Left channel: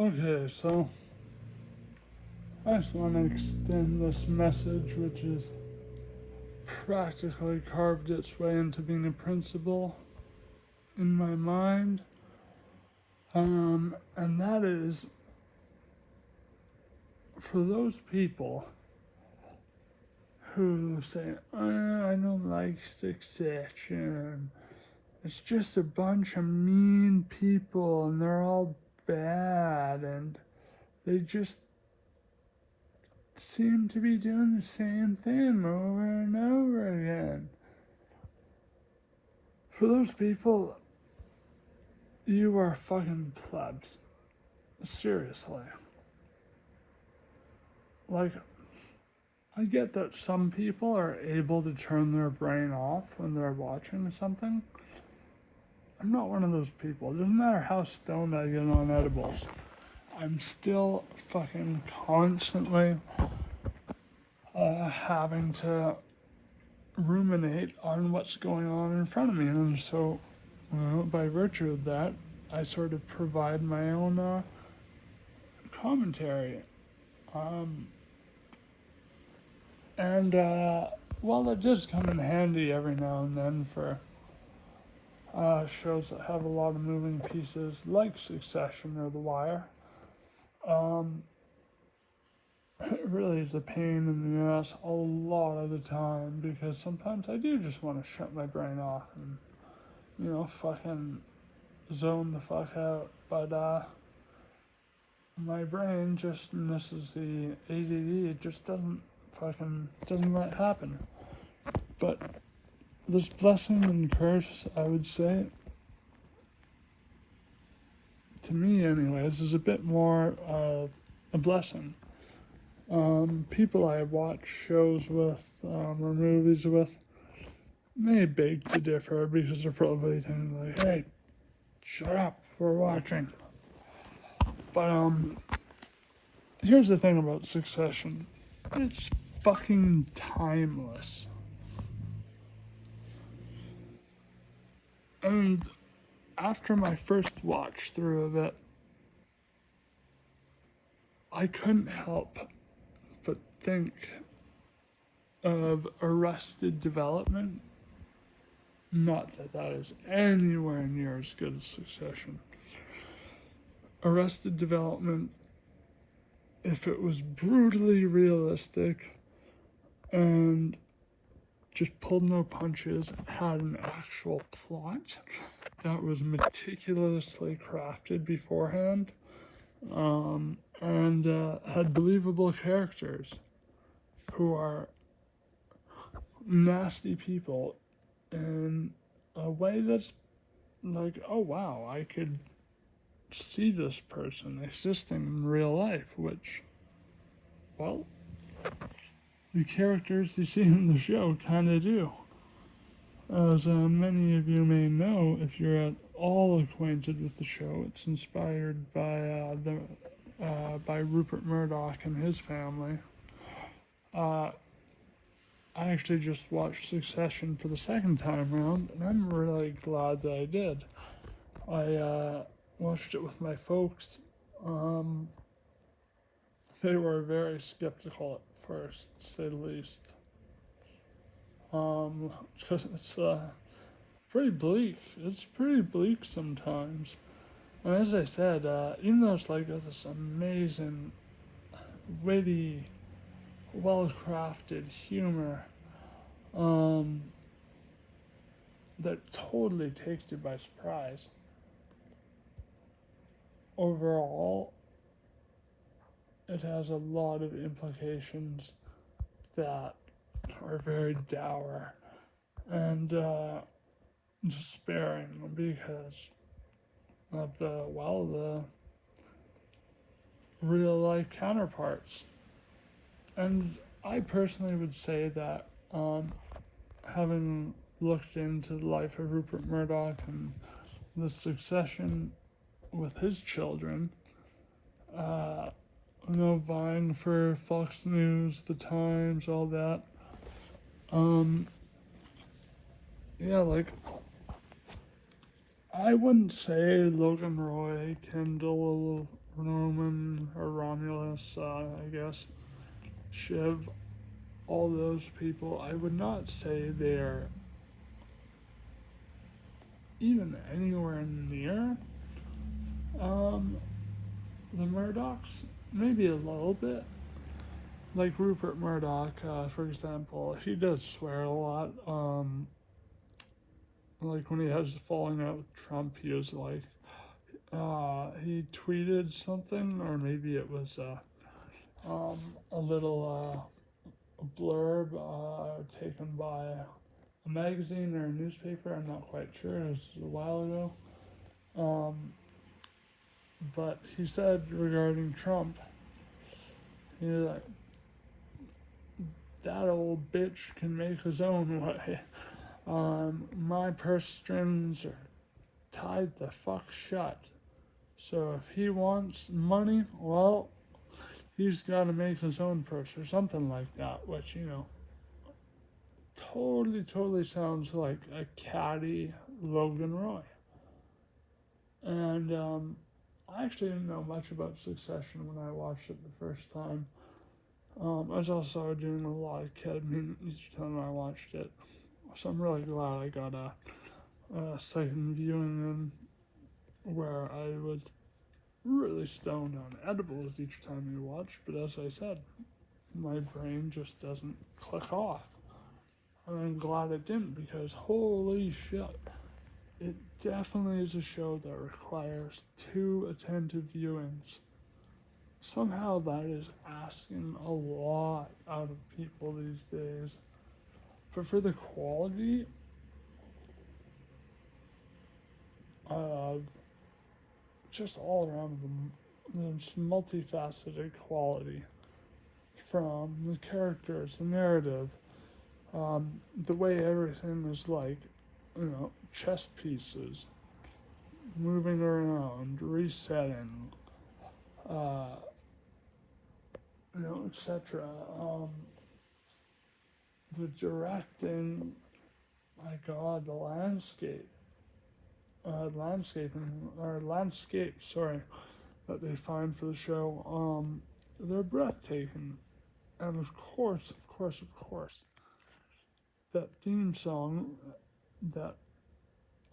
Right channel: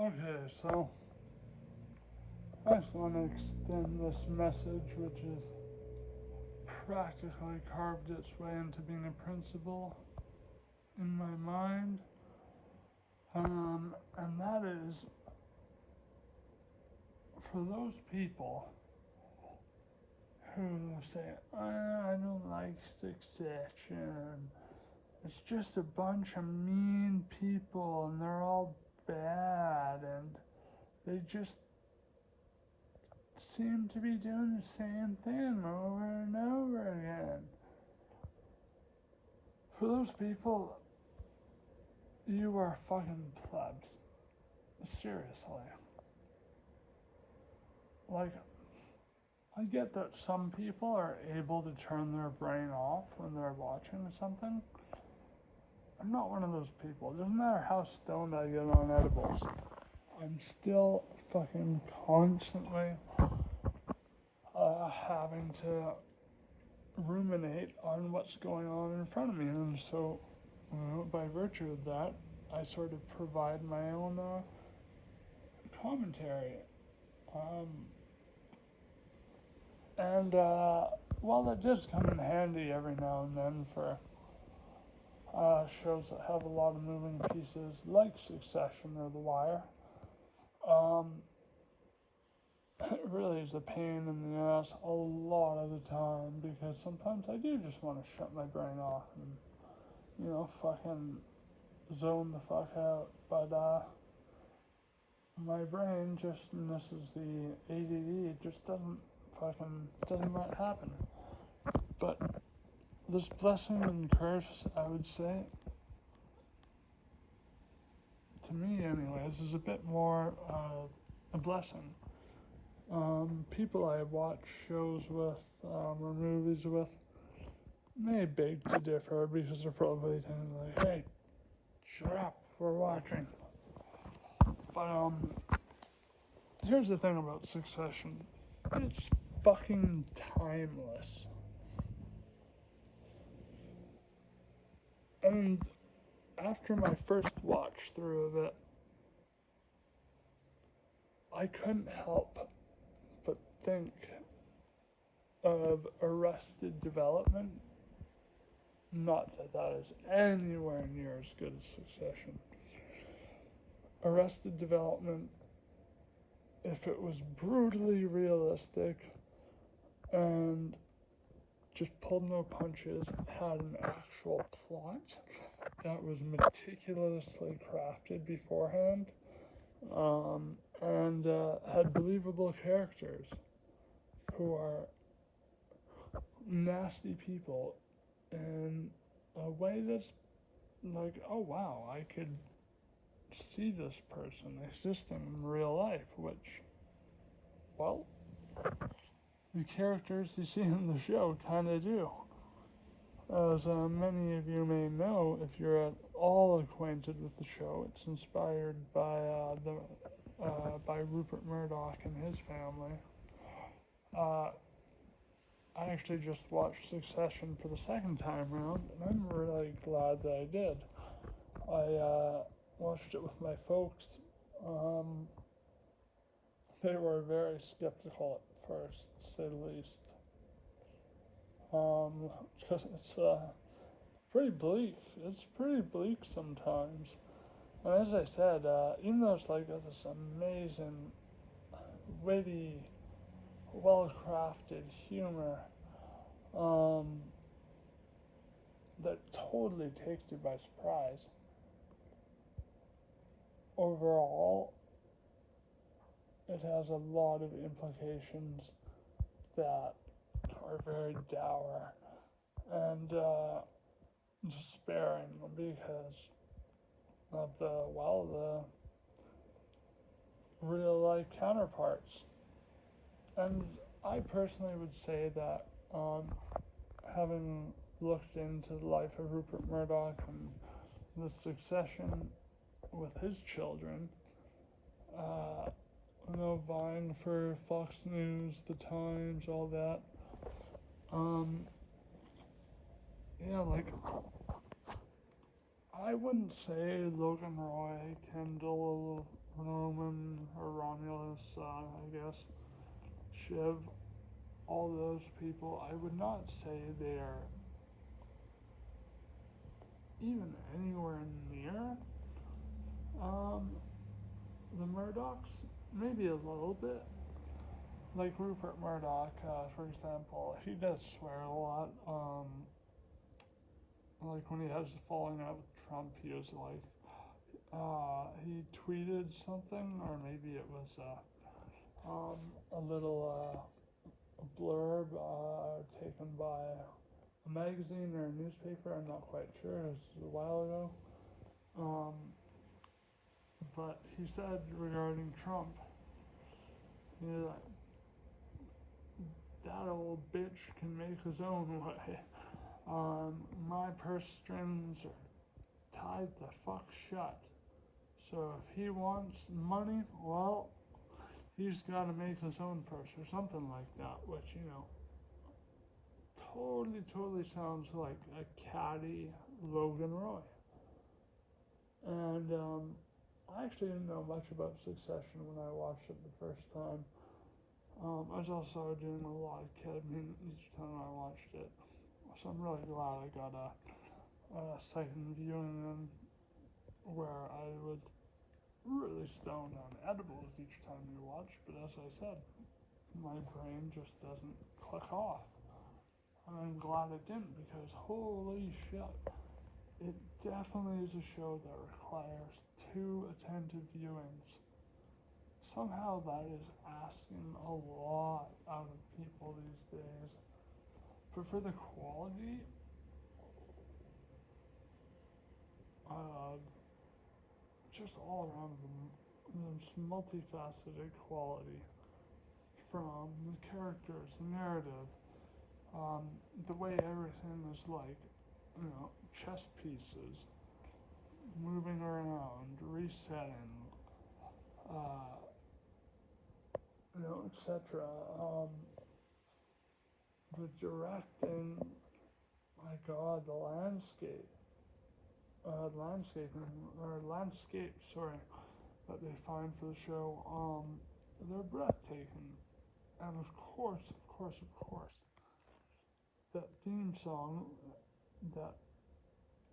Okay, so I just want to extend this message, which is practically carved its way into being a principle in my mind. And that is for those people who say, I don't like succession. It's just a bunch of mean people and they're all bad and they just seem to be doing the same thing over and over again. For those people, you are fucking plebs. Seriously. Like, I get that some people are able to turn their brain off when they're watching something. I'm not one of those people. It doesn't matter how stoned I get on edibles. I'm still fucking constantly having to ruminate on what's going on in front of me. And so, by virtue of that, I sort of provide my own commentary. And while it does come in handy every now and then for shows that have a lot of moving pieces like Succession or The Wire, it really is a pain in the ass a lot of the time because sometimes I do just want to shut my brain off and, fucking zone the fuck out. But my brain just, and this is the ADD, it just doesn't let it happen. But this blessing and curse, I would say, to me anyways, is a bit more of a blessing. People I watch shows with, or movies with, may beg to differ because they're probably thinking like, hey, shut up, we're watching. But, here's the thing about Succession. It's fucking timeless. And after my first watch through of it, I couldn't help but think of Arrested Development. Not that that is anywhere near as good as Succession. Arrested Development, if it was brutally realistic and just pulled no punches, had an actual plot that was meticulously crafted beforehand, and had believable characters who are nasty people in a way that's like, oh wow, I could see this person existing in real life, which, well, the characters you see in the show kind of do. As many of you may know, if you're at all acquainted with the show, it's inspired by Rupert Murdoch and his family. I actually just watched Succession for the second time around, and I'm really glad that I did. I watched it with my folks. They were very skeptical at first, to say the least. Because it's pretty bleak. It's pretty bleak sometimes. And as I said, even though it's like this amazing, witty, well-crafted humor, that totally takes you by surprise. Overall, it has a lot of implications that are very dour and despairing because of the real life counterparts. And I personally would say that having looked into the life of Rupert Murdoch and the succession with his children, vying for Fox News, The Times, all that. Like, I wouldn't say Logan Roy, Kendall, Roman, I guess, Shiv, all those people, I would not say they're even anywhere near the Murdochs. Maybe a little bit. Like Rupert Murdoch, for example, he does swear a lot. Like when he has falling out with Trump, he was like, he tweeted something, or maybe it was a little blurb taken by a magazine or a newspaper. I'm not quite sure. It was a while ago. But he said regarding Trump, he was like, that old bitch can make his own way. My purse strings are tied the fuck shut. So if he wants money, well, he's got to make his own purse or something like that, which, totally sounds like a catty Logan Roy. And I actually didn't know much about Succession when I watched it the first time. I was also doing a lot of ketamine each time I watched it. So I'm really glad I got a second viewing in where I was really stoned on edibles each time you watch, but as I said, my brain just doesn't click off. And I'm glad it didn't, because holy shit, it definitely is a show that requires 2 attentive viewings. Somehow that is asking a lot out of people these days. But for the quality, just all around the multifaceted quality, from the characters, the narrative, the way everything is like, chess pieces, moving around, resetting, etc. The directing, my God, the landscapes, that they find for the show, they're breathtaking. And of course, that theme song that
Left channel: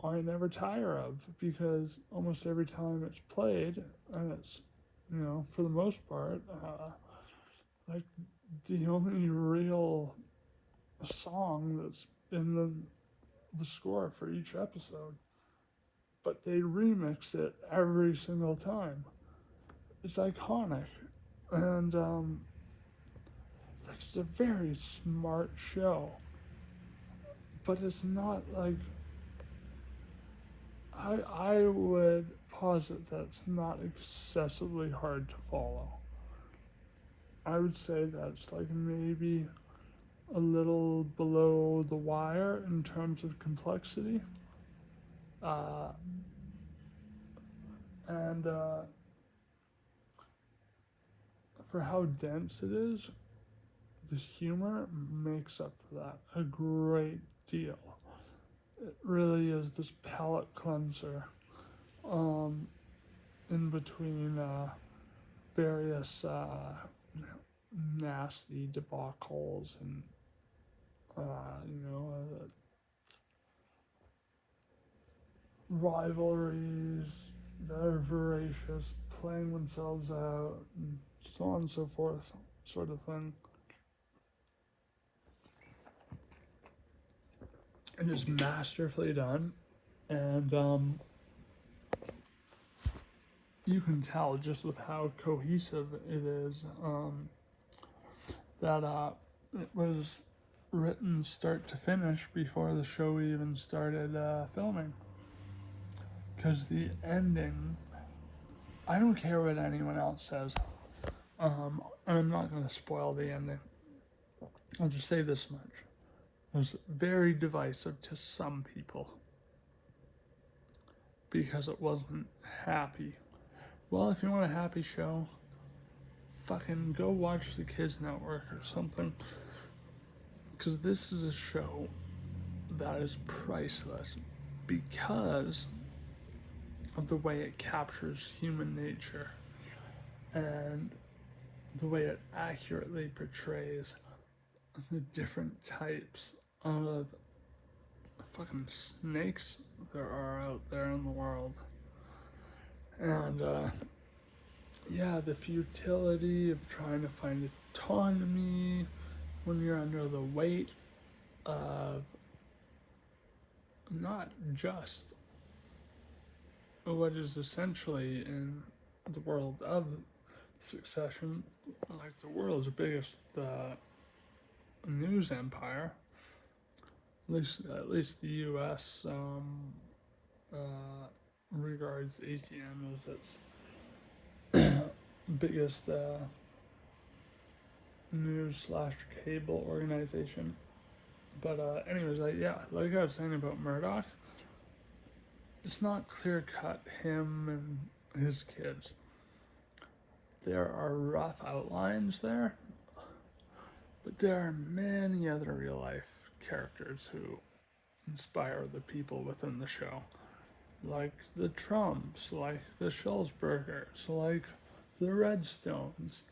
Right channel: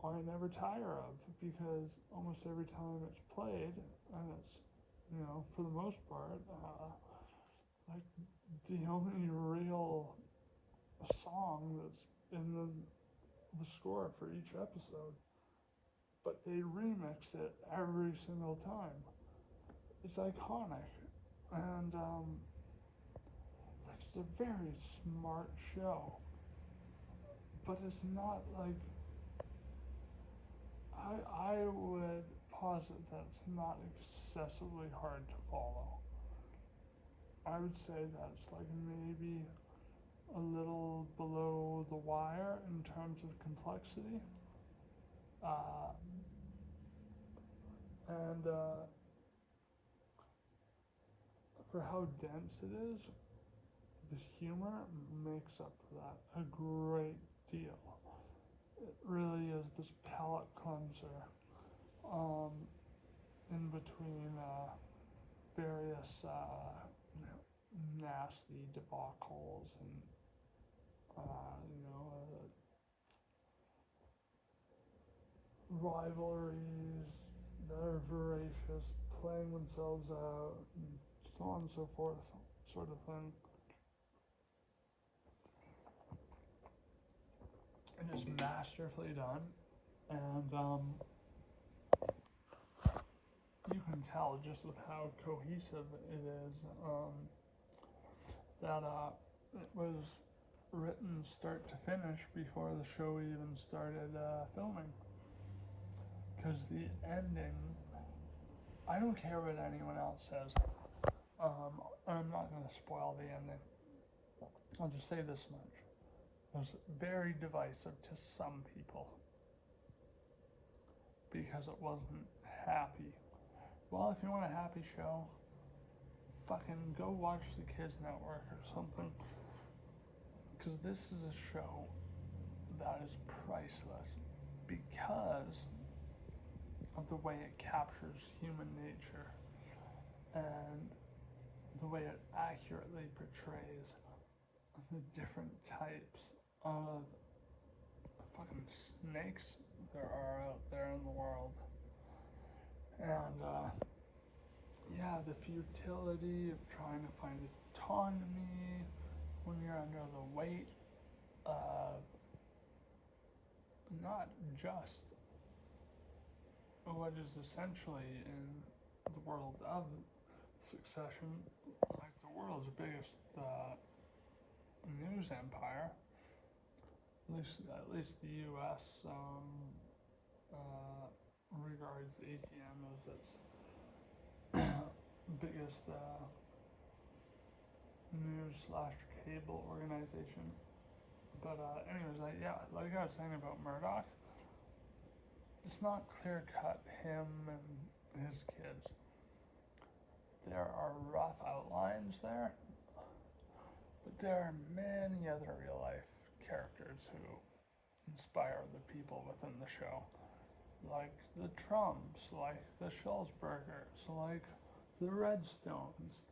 I never tire of, because almost every time it's played, and it's, for the most part, like the only real song that's in the score for each episode. But they remix it every single time. It's iconic. And it's a very smart show. But it's not like, I would posit that it's not excessively hard to follow. I would say that's like maybe a little below the wire in terms of complexity. And for how dense it is, the humor makes up for that a great deal. It really is this palate cleanser in between various nasty debacles and rivalries that are voracious, playing themselves out, and so on and so forth, sort of thing. And it's masterfully done, and you can tell just with how cohesive it is that it was written start to finish before the show even started filming. Because the ending, I don't care what anyone else says. I'm not going to spoil the ending. I'll just say this much. It was very divisive to some people because it wasn't happy. Well, if you want a happy show, fucking go watch the Kids Network or something. Because this is a show that is priceless because of the way it captures human nature and the way it accurately portrays the different types of fucking snakes there are out there in the world. And yeah, the futility of trying to find autonomy when you're under the weight of not just what is essentially in the world of succession, like the world's biggest news empire, at least the U.S. Regards ATM as its biggest news / cable organization. But anyways, yeah, like I was saying about Murdoch, it's not clear cut him and his kids. There are rough outlines there, but there are many other real life characters who inspire the people within the show. Like the Trumps, like the Schulzbergers, like the Redstones.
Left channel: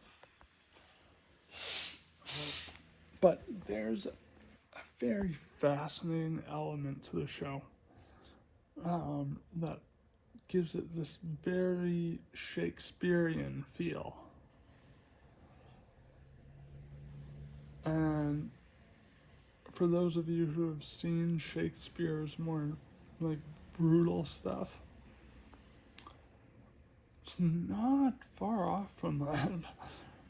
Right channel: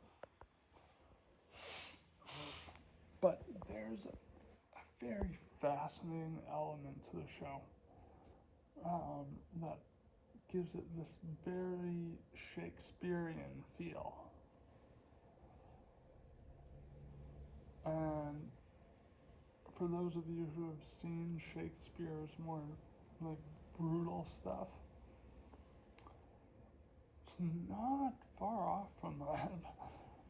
But there's a very fascinating element to the show that gives it this very Shakespearean feel. And for those of you who have seen Shakespeare's more like brutal stuff, it's not far off from that.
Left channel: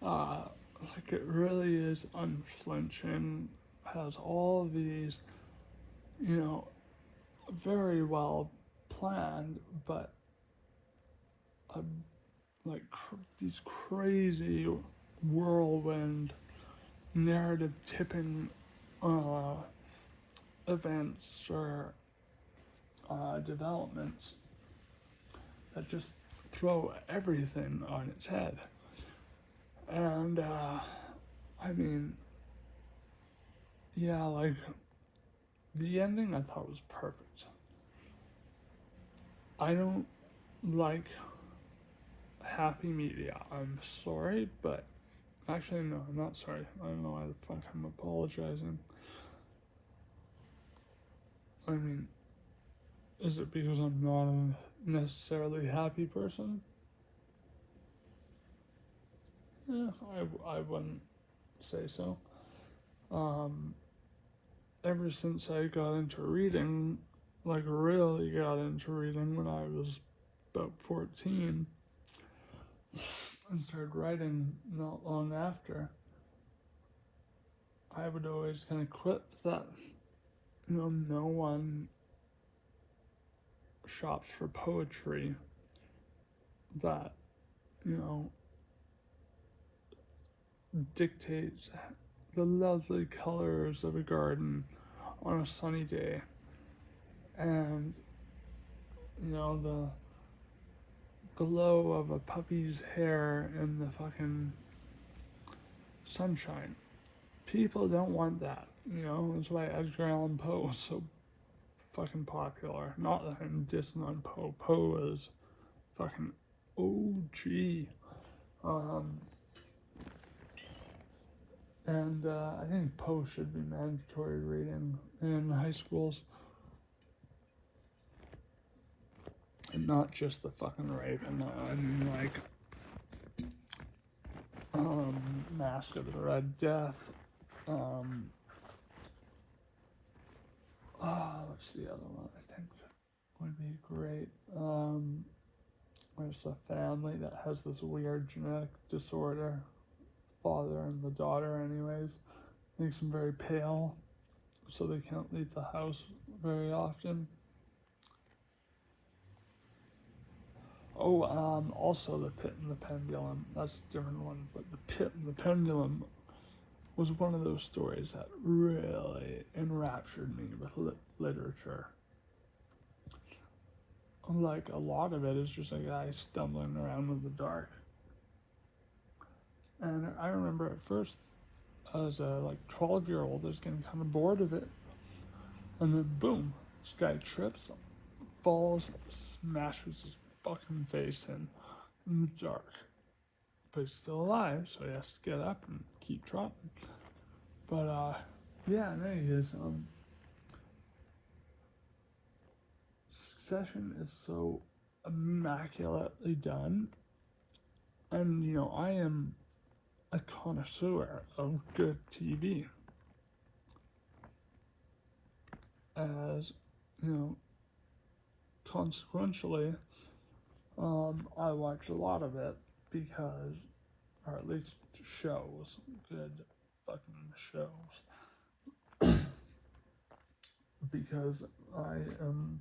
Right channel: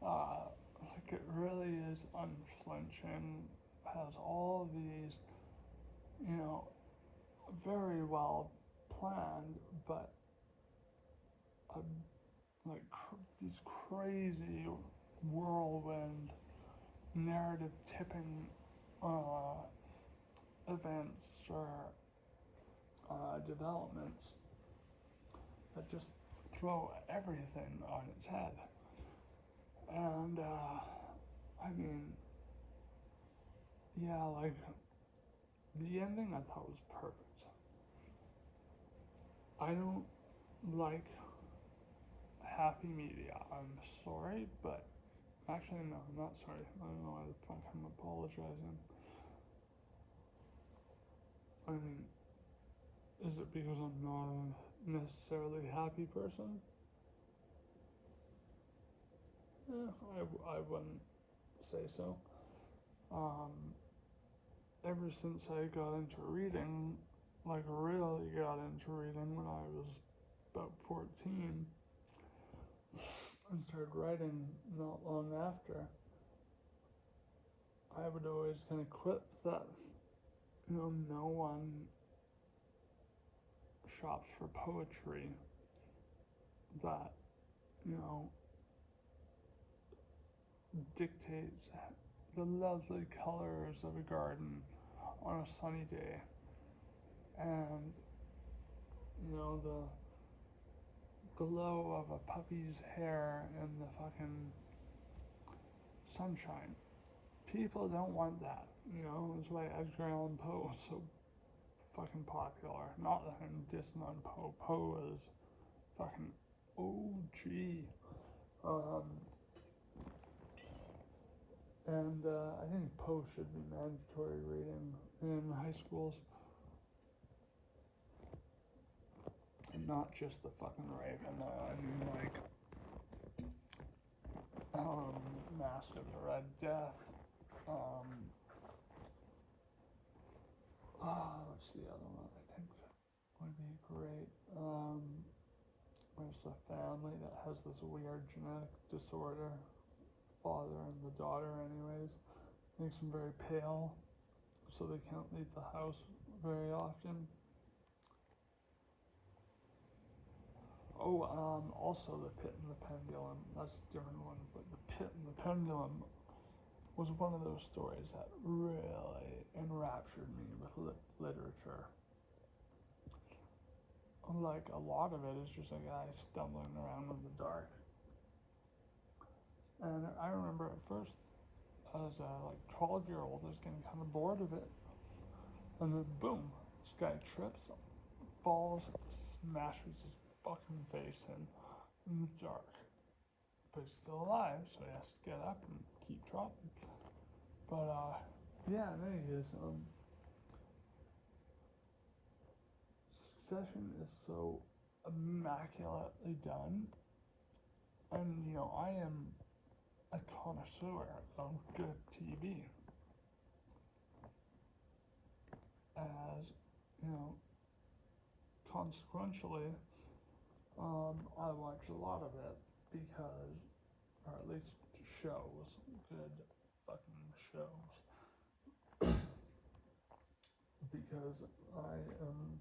Like it really is unflinching, has all these, very well planned, but like these crazy whirlwind narrative tipping events or developments that just throw everything on its head. And I mean, yeah, like the ending I thought was perfect. I don't like happy media. I'm sorry, but actually no, I'm not sorry. I don't know why the fuck I'm apologizing. I mean, is it because I'm not a necessarily happy person? Yeah, I wouldn't say so. Ever since I got into reading, like really got into reading when I was about 14, and started writing not long after, I would always kind of quip that, no one shops for poetry that, dictates the lovely colors of a garden on a sunny day, and, the glow of a puppy's hair in the fucking sunshine. People don't want that, That's why Edgar Allan Poe was so fucking popular. Not that I'm dissing on Poe. Poe is fucking OG. And I think Poe should be mandatory reading in high schools. And not just the fucking Raven. I mean, like, Mask of the Red Death. What's the other one I think would be great? There's a family that has this weird genetic disorder. Father and the daughter, anyways, makes them very pale, so they can't leave the house very often. Oh, also The Pit and the Pendulum. That's a different one, but The Pit and the Pendulum was one of those stories that really enraptured me with literature. Like, a lot of it is just a guy stumbling around in the dark. And I remember at first, as a 12-year-old, I was getting kind of bored of it. And then boom, this guy trips, falls, smashes his fucking face in the dark. but he's still alive, so he has to get up and keep trotting. But yeah, no, his Succession is so immaculately done, and I am a connoisseur of good TV. As consequentially, I watch a lot of it because, or at least shows, good fucking shows, because I am,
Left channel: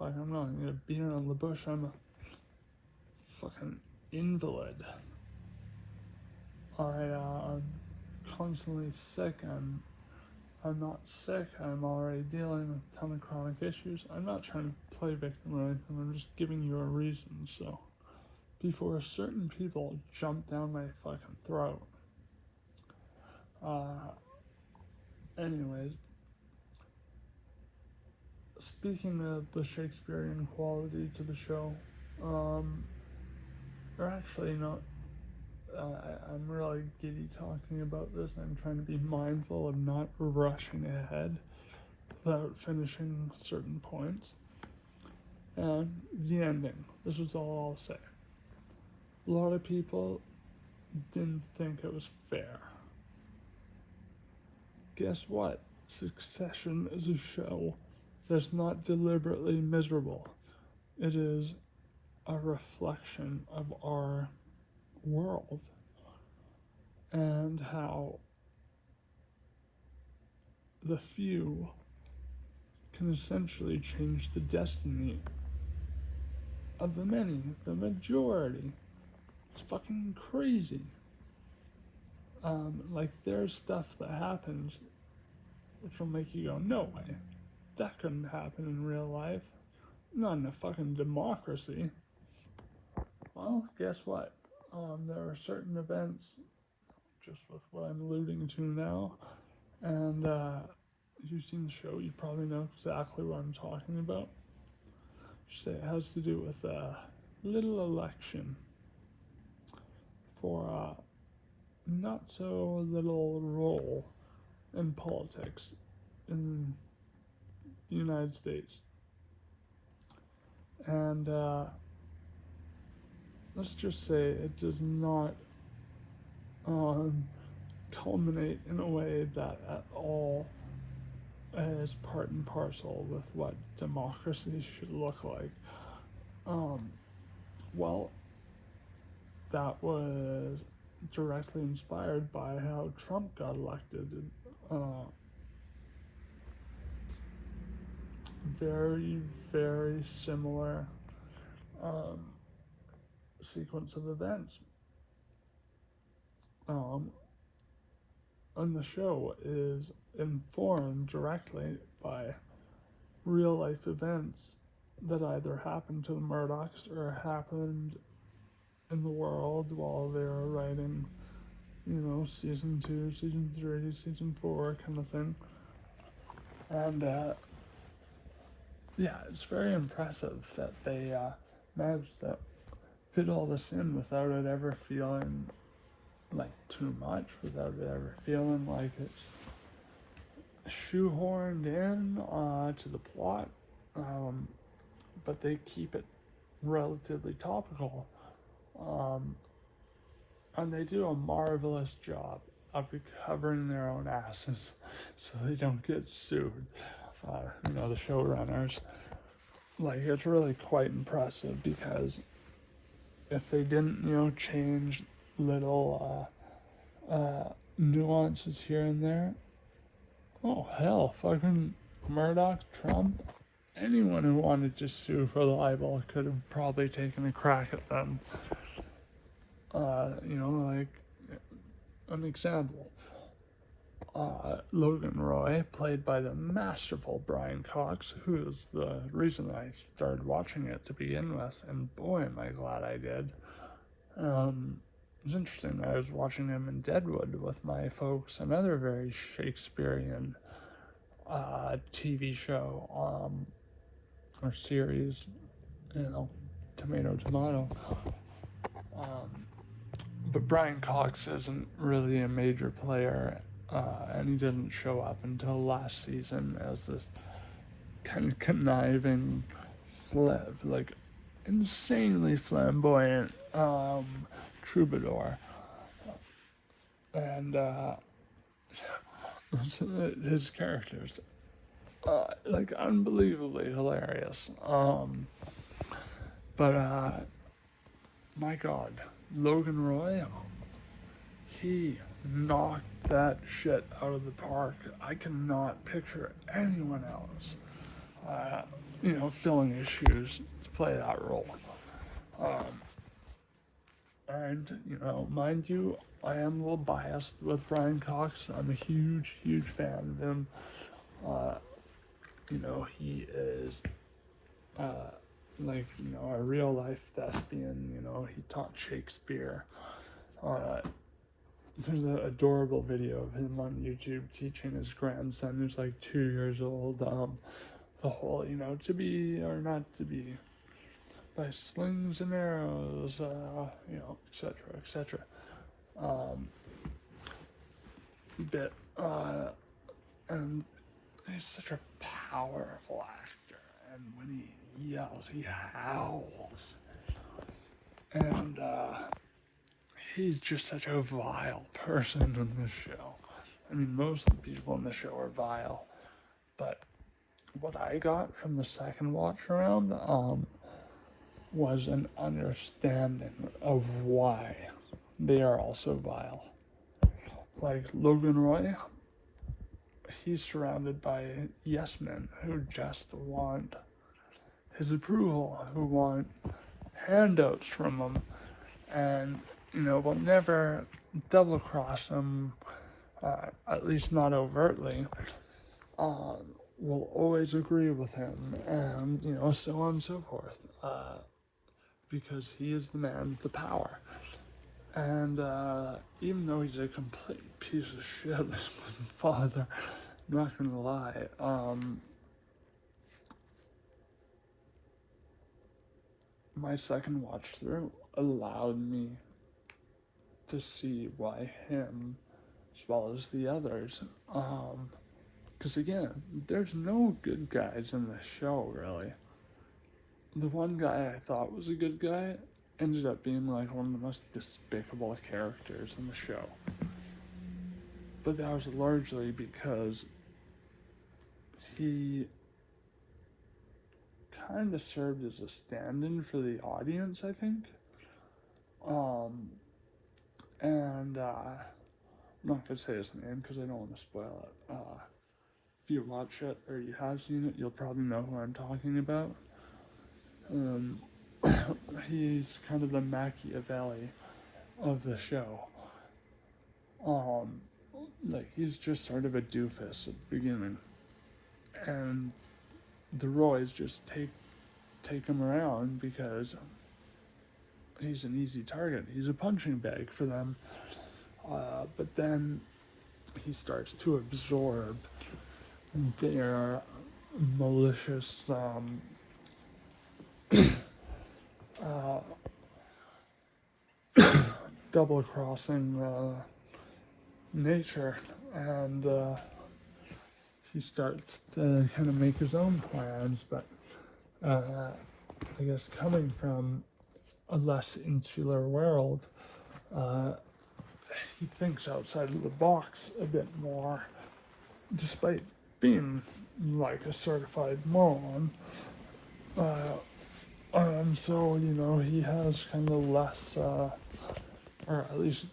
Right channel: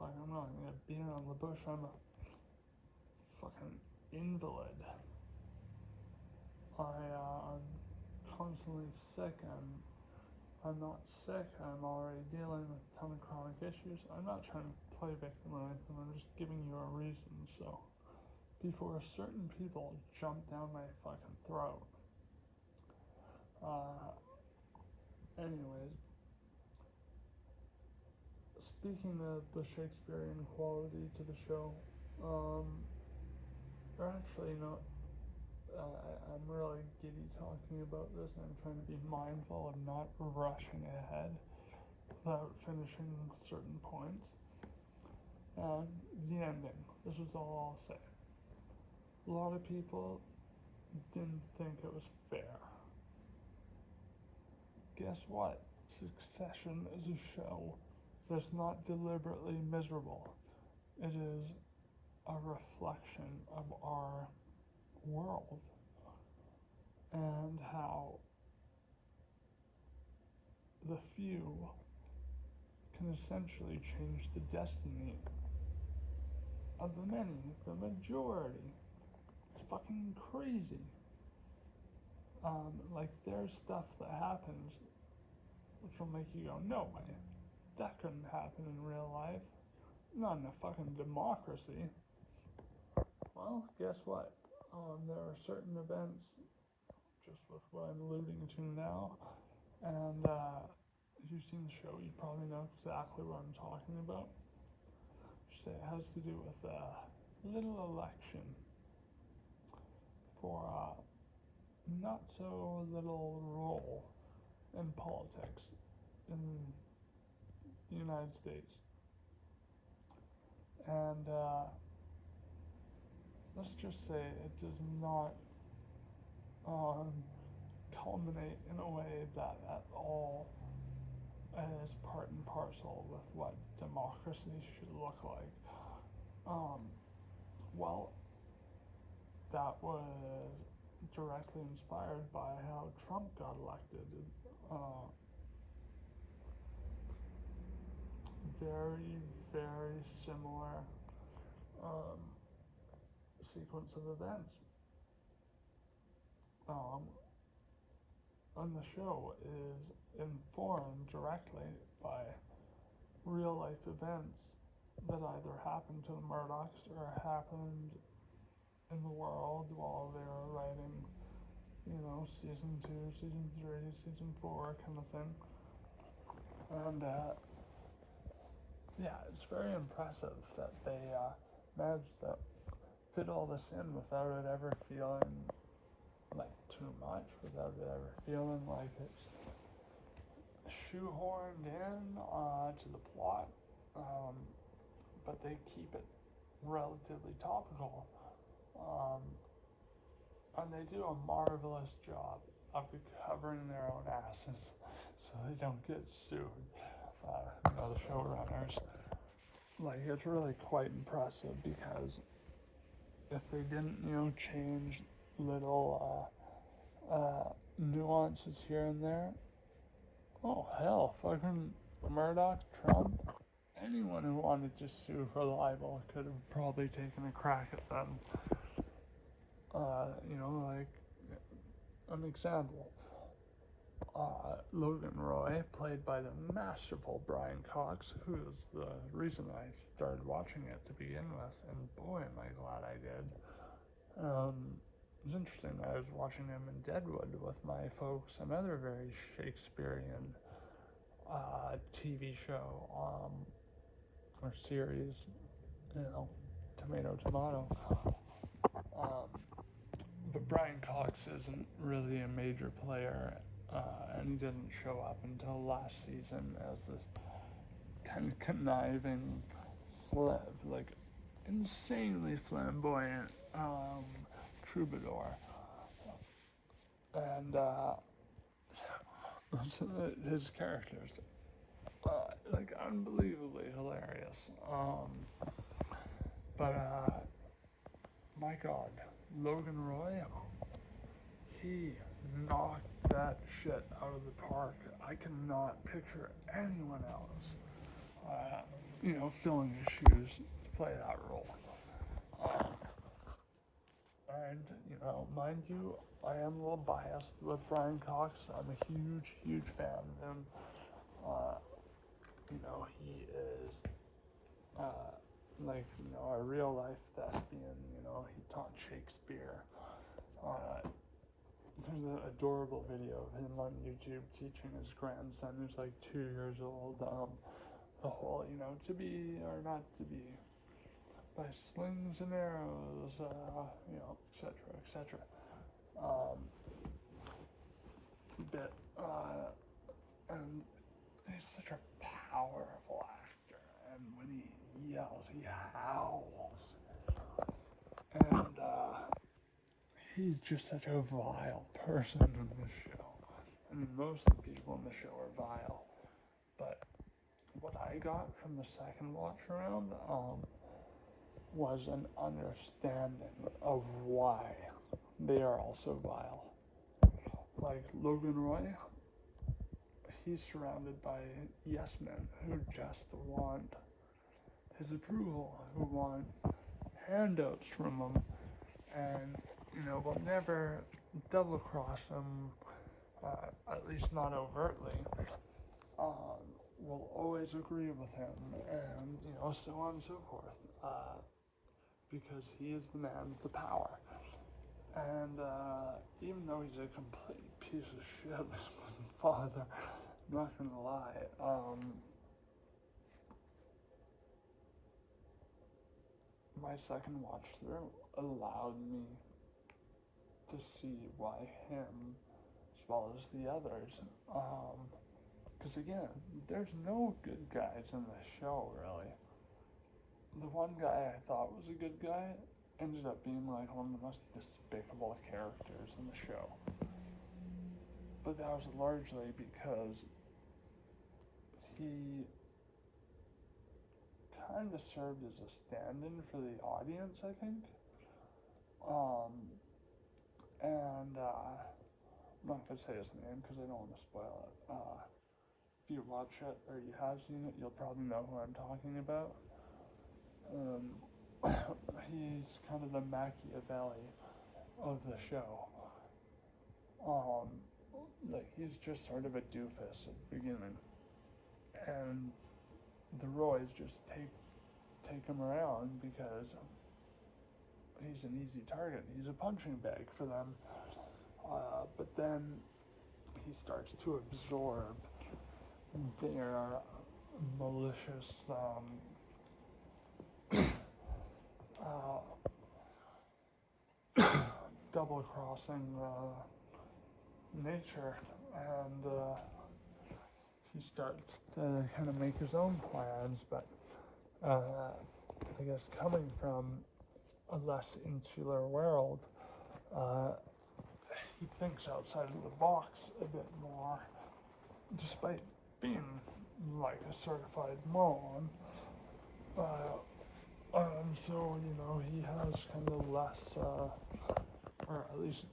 I'm not gonna beat around the bush, I'm a fucking invalid. I'm constantly sick, I'm not sick, I'm already dealing with a ton of chronic issues. I'm not trying to play victim or anything, I'm just giving you a reason, so before certain people jump down my fucking throat. Anyways, speaking of the Shakespearean quality to the show, or actually not, I'm really giddy talking about this. I'm trying to be mindful of not rushing ahead without finishing certain points. And the ending, this is all I'll say. A lot of people didn't think it was fair. Guess what? Succession is a show that's not deliberately miserable. It is a reflection of our world and how the few can essentially change the destiny of the many, the majority. It's fucking crazy. Like there's stuff that happens which will make you go, no way, that couldn't happen in real life. Not in a fucking democracy. Well, guess what? There are certain events, just with what I'm alluding to now, and if you've seen the show, you probably know exactly what I'm talking about. It has to do with a little election for a not so little role in politics in the United States. And let's just say it does not culminate in a way that at all is part and parcel with what democracy should look like. Well, that was directly inspired by how Trump got elected. Very, very similar sequence of events. And the show is informed directly by real life events that either happened to the Murdochs or happened in the world while they were writing, season 2, season 3, season 4 kind of thing. And yeah, it's very impressive that they managed to fit all this in without it ever feeling like too much, without it ever feeling like it's shoehorned in to the plot, but they keep it relatively topical, and they do a marvelous job of recovering their own asses so they don't get sued. The showrunners, like, it's really quite impressive because if they didn't, change little nuances here and there, oh hell, fucking Murdoch, Trump, anyone who wanted to sue for libel could have probably taken a crack at them. Like an example, Logan Roy, played by the masterful Brian Cox, who is the reason I started watching it to begin with, and boy am I glad I did. It was interesting, I was watching him in Deadwood with my folks, another very Shakespearean TV show, or series, tomato, but Brian Cox isn't really a major player, and he didn't show up until last season as this kind of conniving, like insanely flamboyant troubadour, and his characters like unbelievably hilarious. But my God, Logan Roy, he knocked that shit out of the park. I cannot picture anyone else, filling his shoes to play that role. Um, and mind you, I am a little biased with Brian Cox. I'm a huge, huge fan of him. He is a real life thespian. He taught Shakespeare. There's an adorable video of him on YouTube teaching his grandson, who's like 2 years old, the whole, to be or not to be, by slings and arrows, etc., etc. Bit, and he's such a powerful actor, and when he yells, he howls, and he's just such a vile person in this show. I mean, most of the people in the show are vile, but what I got from the second watch around was an understanding of why they are also vile. Like Logan Roy, he's surrounded by yes men who just want his approval, who want handouts from him, and will never double cross him, at least not overtly. Will always agree with him, and so on and so forth, because he is the man with the power. And even though he's a complete piece of shit, his father, I'm not gonna lie, my second watch through allowed me to see why him, as well as the others, because again, there's no good guys in the show, really. The one guy I thought was a good guy ended up being like one of the most despicable characters in the show. But that was largely because he kind of served as a stand-in for the audience, I think. And I'm not gonna say his name because I don't want to spoil it. If you watch it or you have seen it, you'll probably know who I'm talking about. He's kind of the Machiavelli of the show. He's just sort of a doofus at the beginning, and the Roys just take him around because he's an easy target. He's a punching bag for them. But then he starts to absorb their malicious double-crossing nature, and he starts to kind of make his own plans, but I guess coming from a less insular world, he thinks outside of the box a bit more, despite being like a certified moron. So, he has kind of less, or at least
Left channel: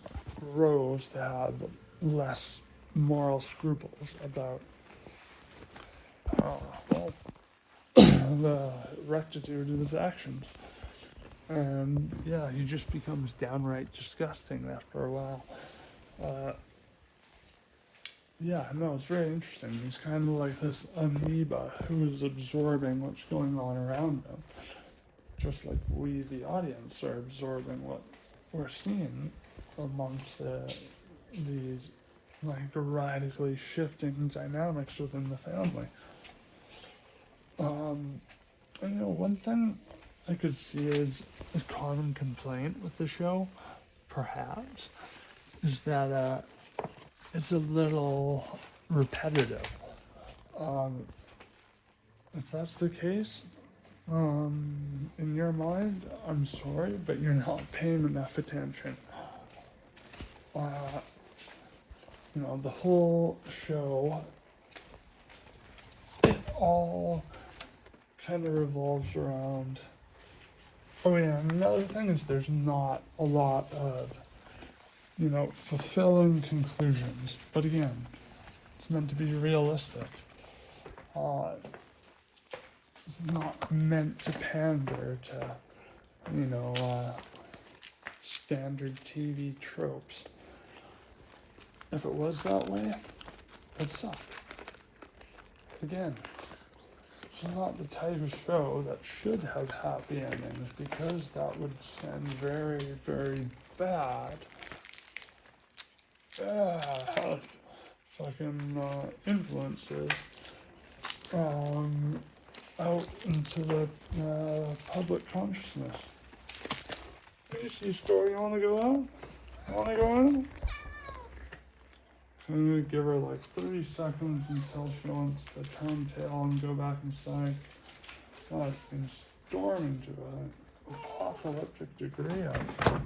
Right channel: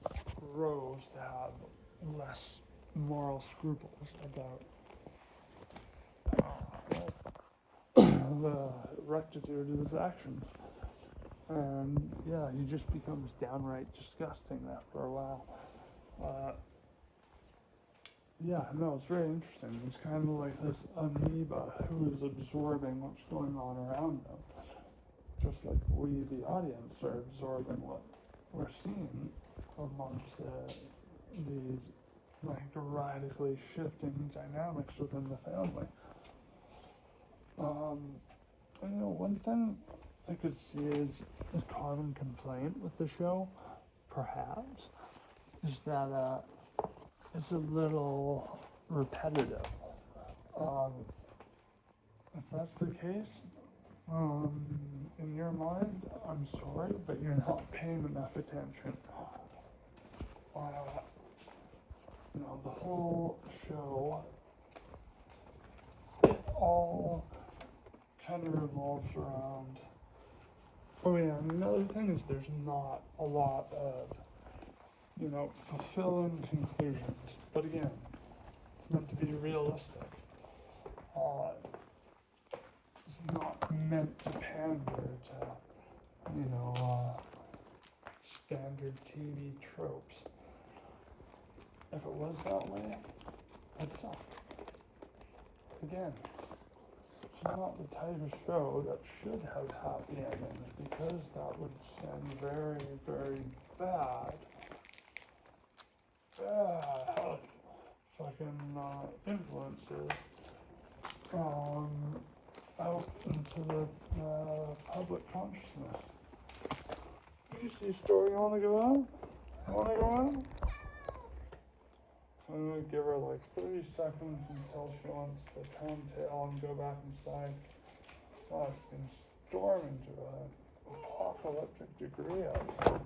grows to have less moral scruples about the rectitude of his actions. And yeah, he just becomes downright disgusting after a while. It's very interesting. He's kind of like this amoeba who is absorbing what's going on around him. Just like we, the audience, are absorbing what we're seeing amongst these like radically shifting dynamics within the family. One thing I could see is a common complaint with the show, perhaps, is that it's a little repetitive. If that's the case, in your mind, I'm sorry, but you're not paying enough attention. The whole show, it all kind of revolves around. Oh yeah, another thing is there's not a lot of, fulfilling conclusions. But again, it's meant to be realistic. It's not meant to pander to, standard TV tropes. If it was that way, it'd suck. Again, it's not the type of show that should have happy endings, because that would send very, very bad fucking influences out into the public consciousness. You see story, you wanna go out? Wanna go in? I'm gonna give her like 30 seconds until she wants to turn tail and go back inside. God, it's been storming to an apocalyptic degree outside.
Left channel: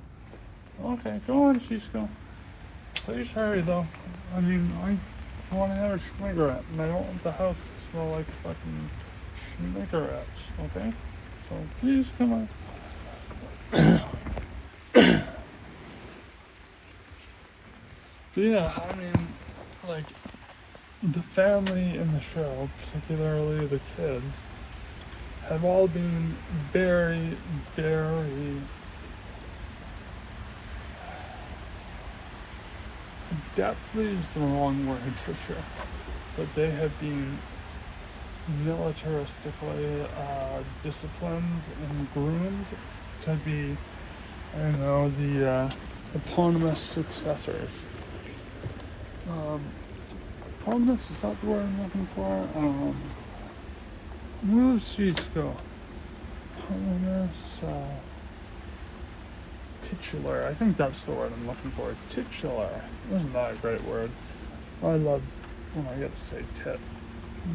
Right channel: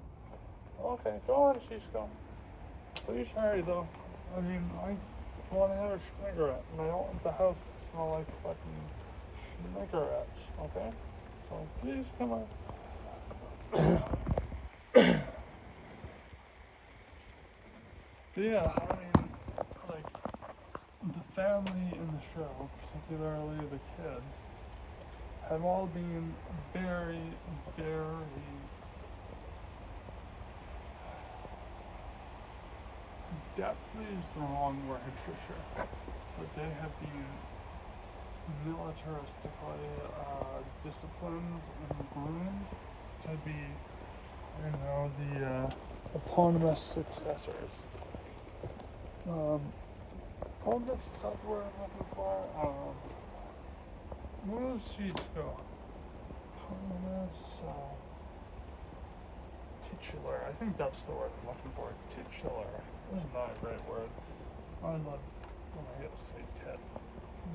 Okay, go on, Cisco. Please hurry though. I mean, I want to have a schmiggerette, and I don't want the house to smell like fucking schmiggerettes, okay? So please, come on. But yeah, I mean, like, the family in the show, particularly the kids, have all been very, very adeptly is the wrong word for sure, but they have been militaristically disciplined and groomed to be, the eponymous successors. Eponymous, is that the word I'm looking for? Cisco. Eponymous, titular. I think that's the word I'm looking for. Titular. Isn't that a great word? I love when I get to say tit.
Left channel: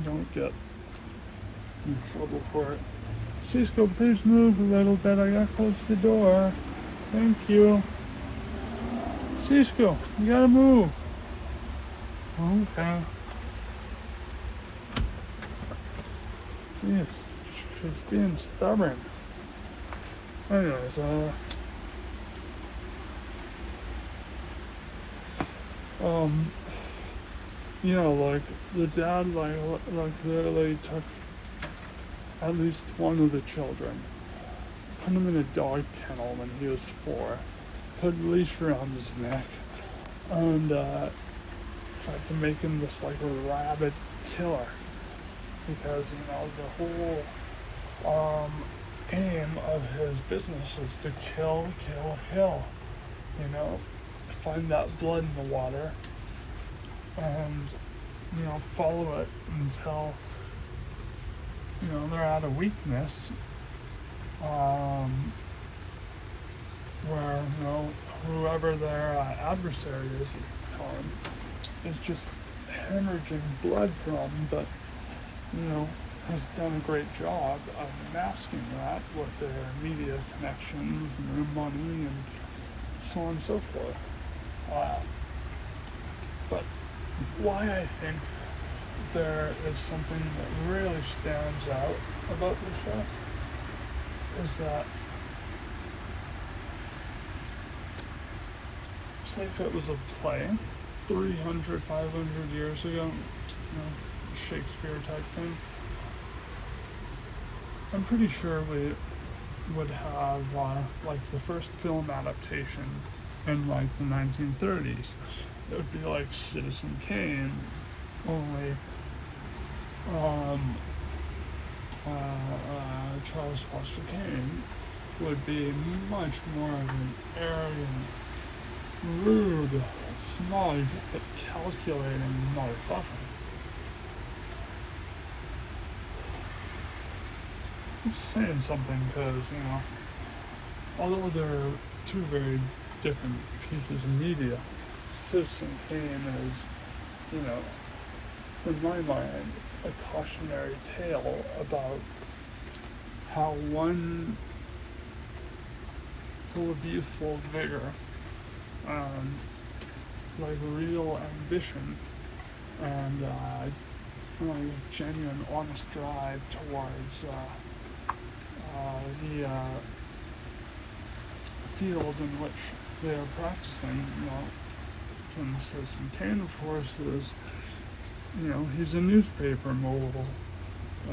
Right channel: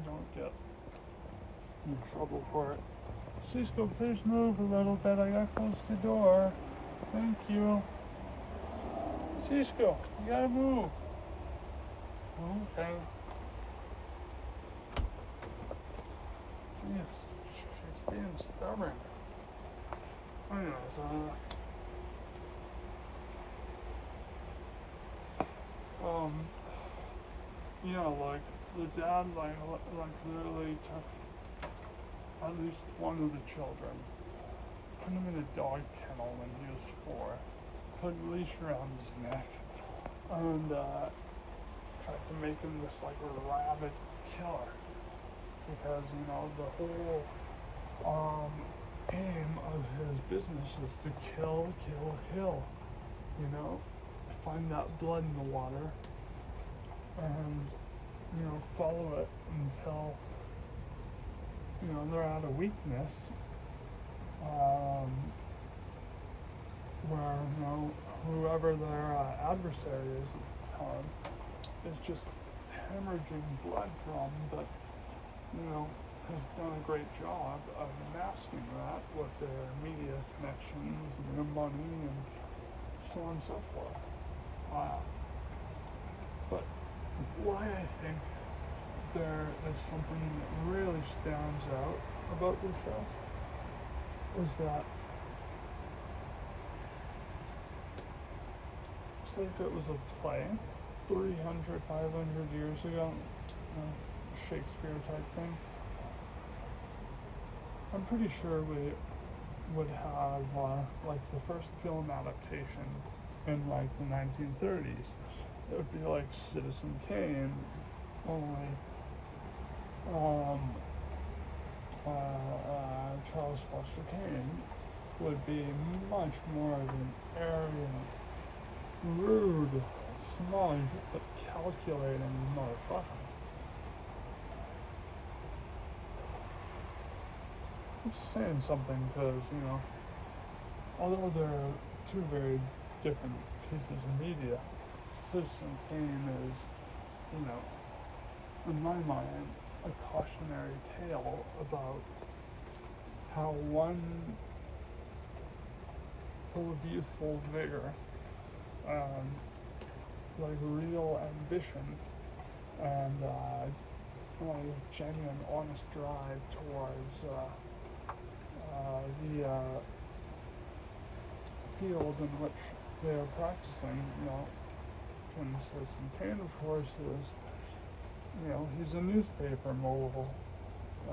Don't get in trouble for it. Cisco, please move a little bit. I gotta close the door. Thank you. Cisco, you gotta move. Okay. Jeez, she's being stubborn. Anyways, like the dad, like literally took at least one of the children, put him in a dog kennel when he was 4, put a leash around his neck, and tried to make him this like rabid killer, because the whole aim of his business is to kill, find that blood in the water, and follow it until they're at a weakness, where whoever their adversary is at the time is just hemorrhaging blood from, but has done a great job of masking that with their media connections and their money and so on and so forth. But why I think there is something that really stands out about this show is that, say if it was a play 300, 500 years ago, Shakespeare type thing, I'm pretty sure we would have like the first film adaptation in like the 1930s. It would be like Citizen Kane, only Charles Foster Kane would be much more of an arrogant, rude, smug, but calculating motherfucker. I'm just saying something because, although they're two very different pieces of media. Citizen Kane is, you know, in my mind, a cautionary tale about how one full of youthful vigor and like real ambition and genuine, honest drive towards the field in which they are practicing. You know, and Citizen Kane, of course, is, you know, he's a newspaper mogul,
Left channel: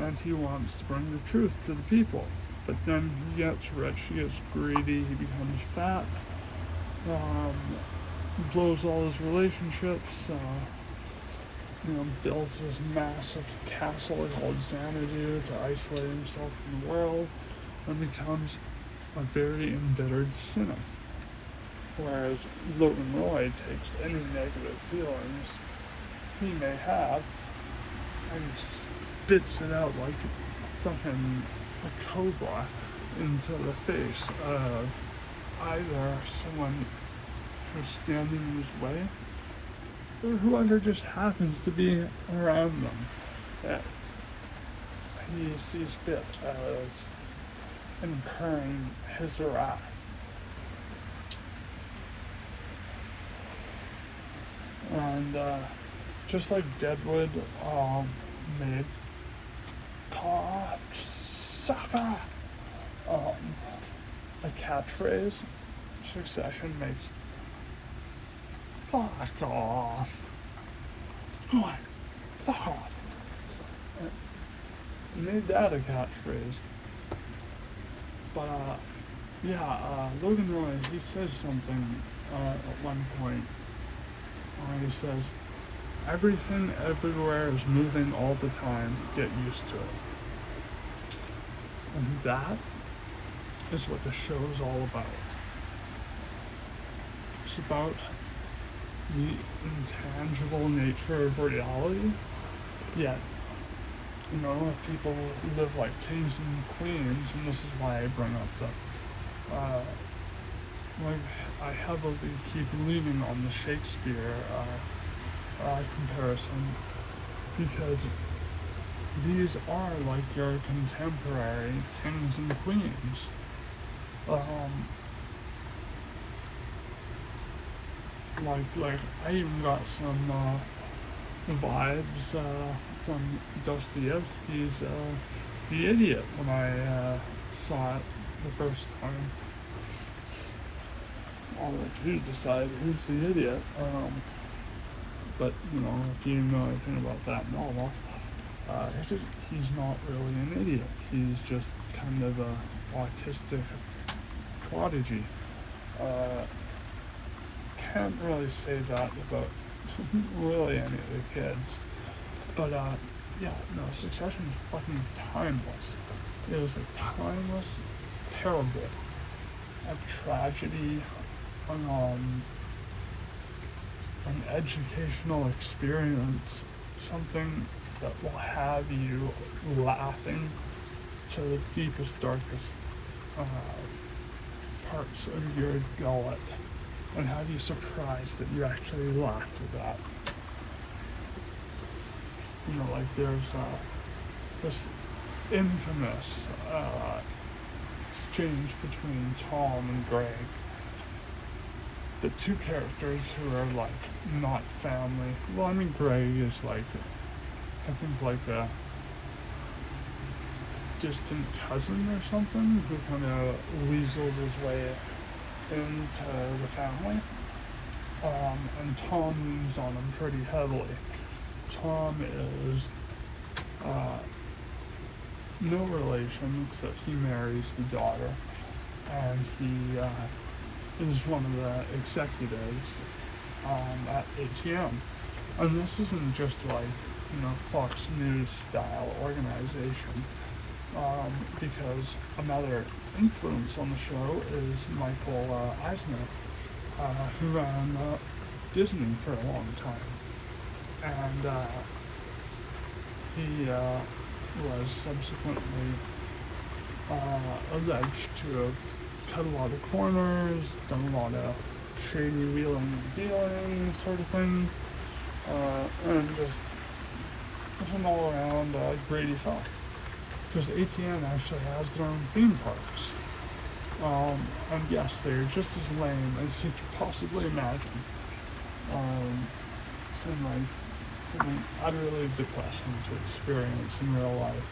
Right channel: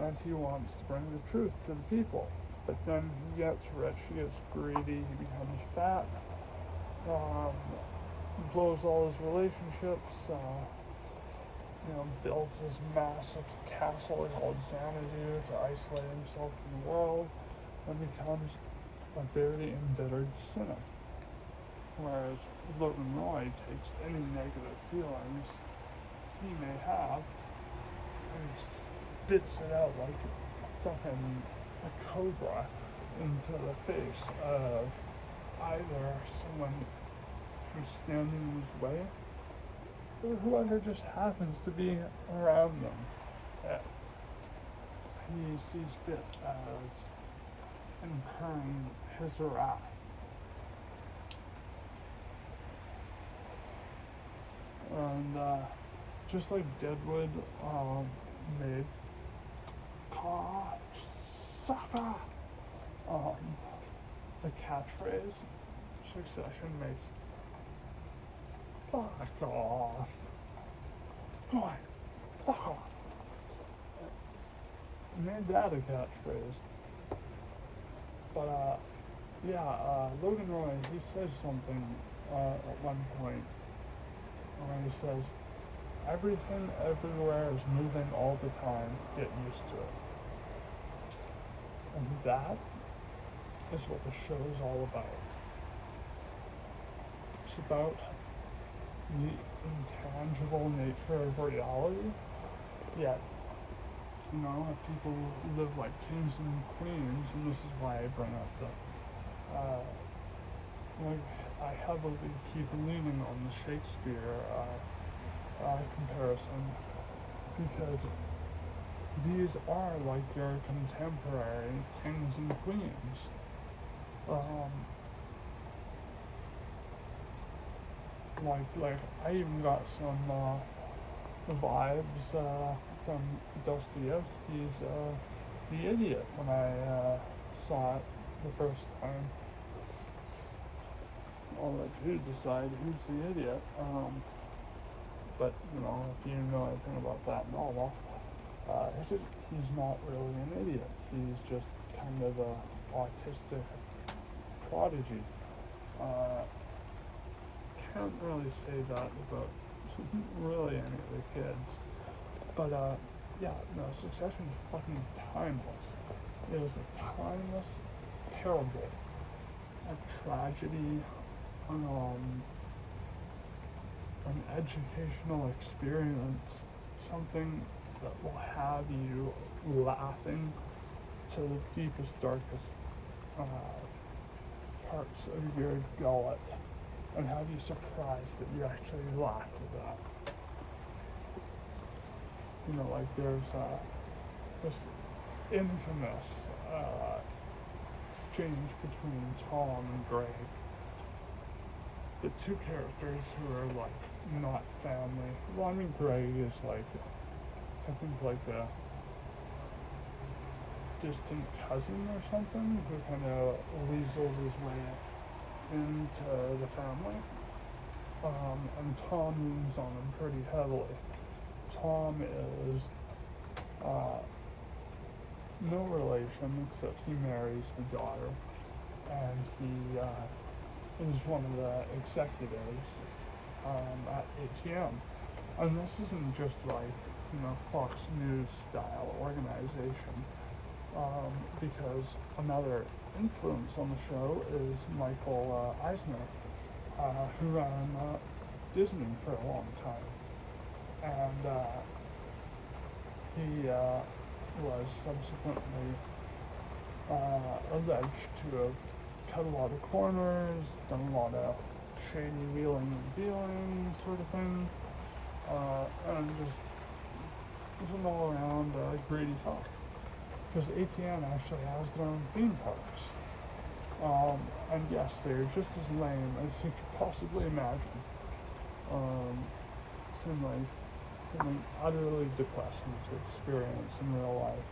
and he wants to bring the truth to the people. But then he gets rich, he gets greedy, he becomes fat, blows all his relationships, you know, builds this massive castle called Xanadu to isolate himself from the world, and becomes a very embittered cynic. Whereas Logan Roy takes any negative feelings he may have and he spits it out like fucking a cobra into the face of either someone who's standing in his way or whoever just happens to be around them that he sees fit as incurring his wrath. And just like Deadwood made cocksucker a catchphrase, Succession makes fuck off. Go on, fuck off. Made that a catchphrase. But Logan Roy, he says something at one point. He says, everything everywhere is moving all the time, get used to it. And that is what the show is all about. It's about the intangible nature of reality, yet, you know, if people live like kings and queens, and this is why I bring up the, I heavily keep leaning on the Shakespeare comparison, because these are like your contemporary kings and queens. Like I even got some vibes from Dostoevsky's The Idiot when I saw it the first time. I'll let you decide who's the idiot. But you know, if you know anything about that novel, he's not really an idiot. He's just kind of an autistic prodigy. Can't really say that about really any of the kids. But Succession is fucking timeless. It is a timeless parable of tragedy, an educational experience, something that will have you laughing to the deepest, darkest parts of your gullet, and have you surprised that you actually laughed at that. You know, like there's this infamous exchange between Tom and Greg. The two characters who are like not family. Well, I mean, Greg is like, I think like a distant cousin or something who kind of weasels his way into the family. And Tom leans on him pretty heavily. Tom is no relation except he marries the daughter, and he is one of the executives at ATM. And this isn't just like, you know, Fox News style organization, because another influence on the show is Michael Eisner, who ran Disney for a long time. And he was subsequently alleged to have cut a lot of corners, done a lot of shady wheeling and dealing sort of thing, and just an all-around greedy fuck. Because ATN actually has their own theme parks. And yes, they're just as lame as you could possibly imagine. Something utterly depressing to experience in real life.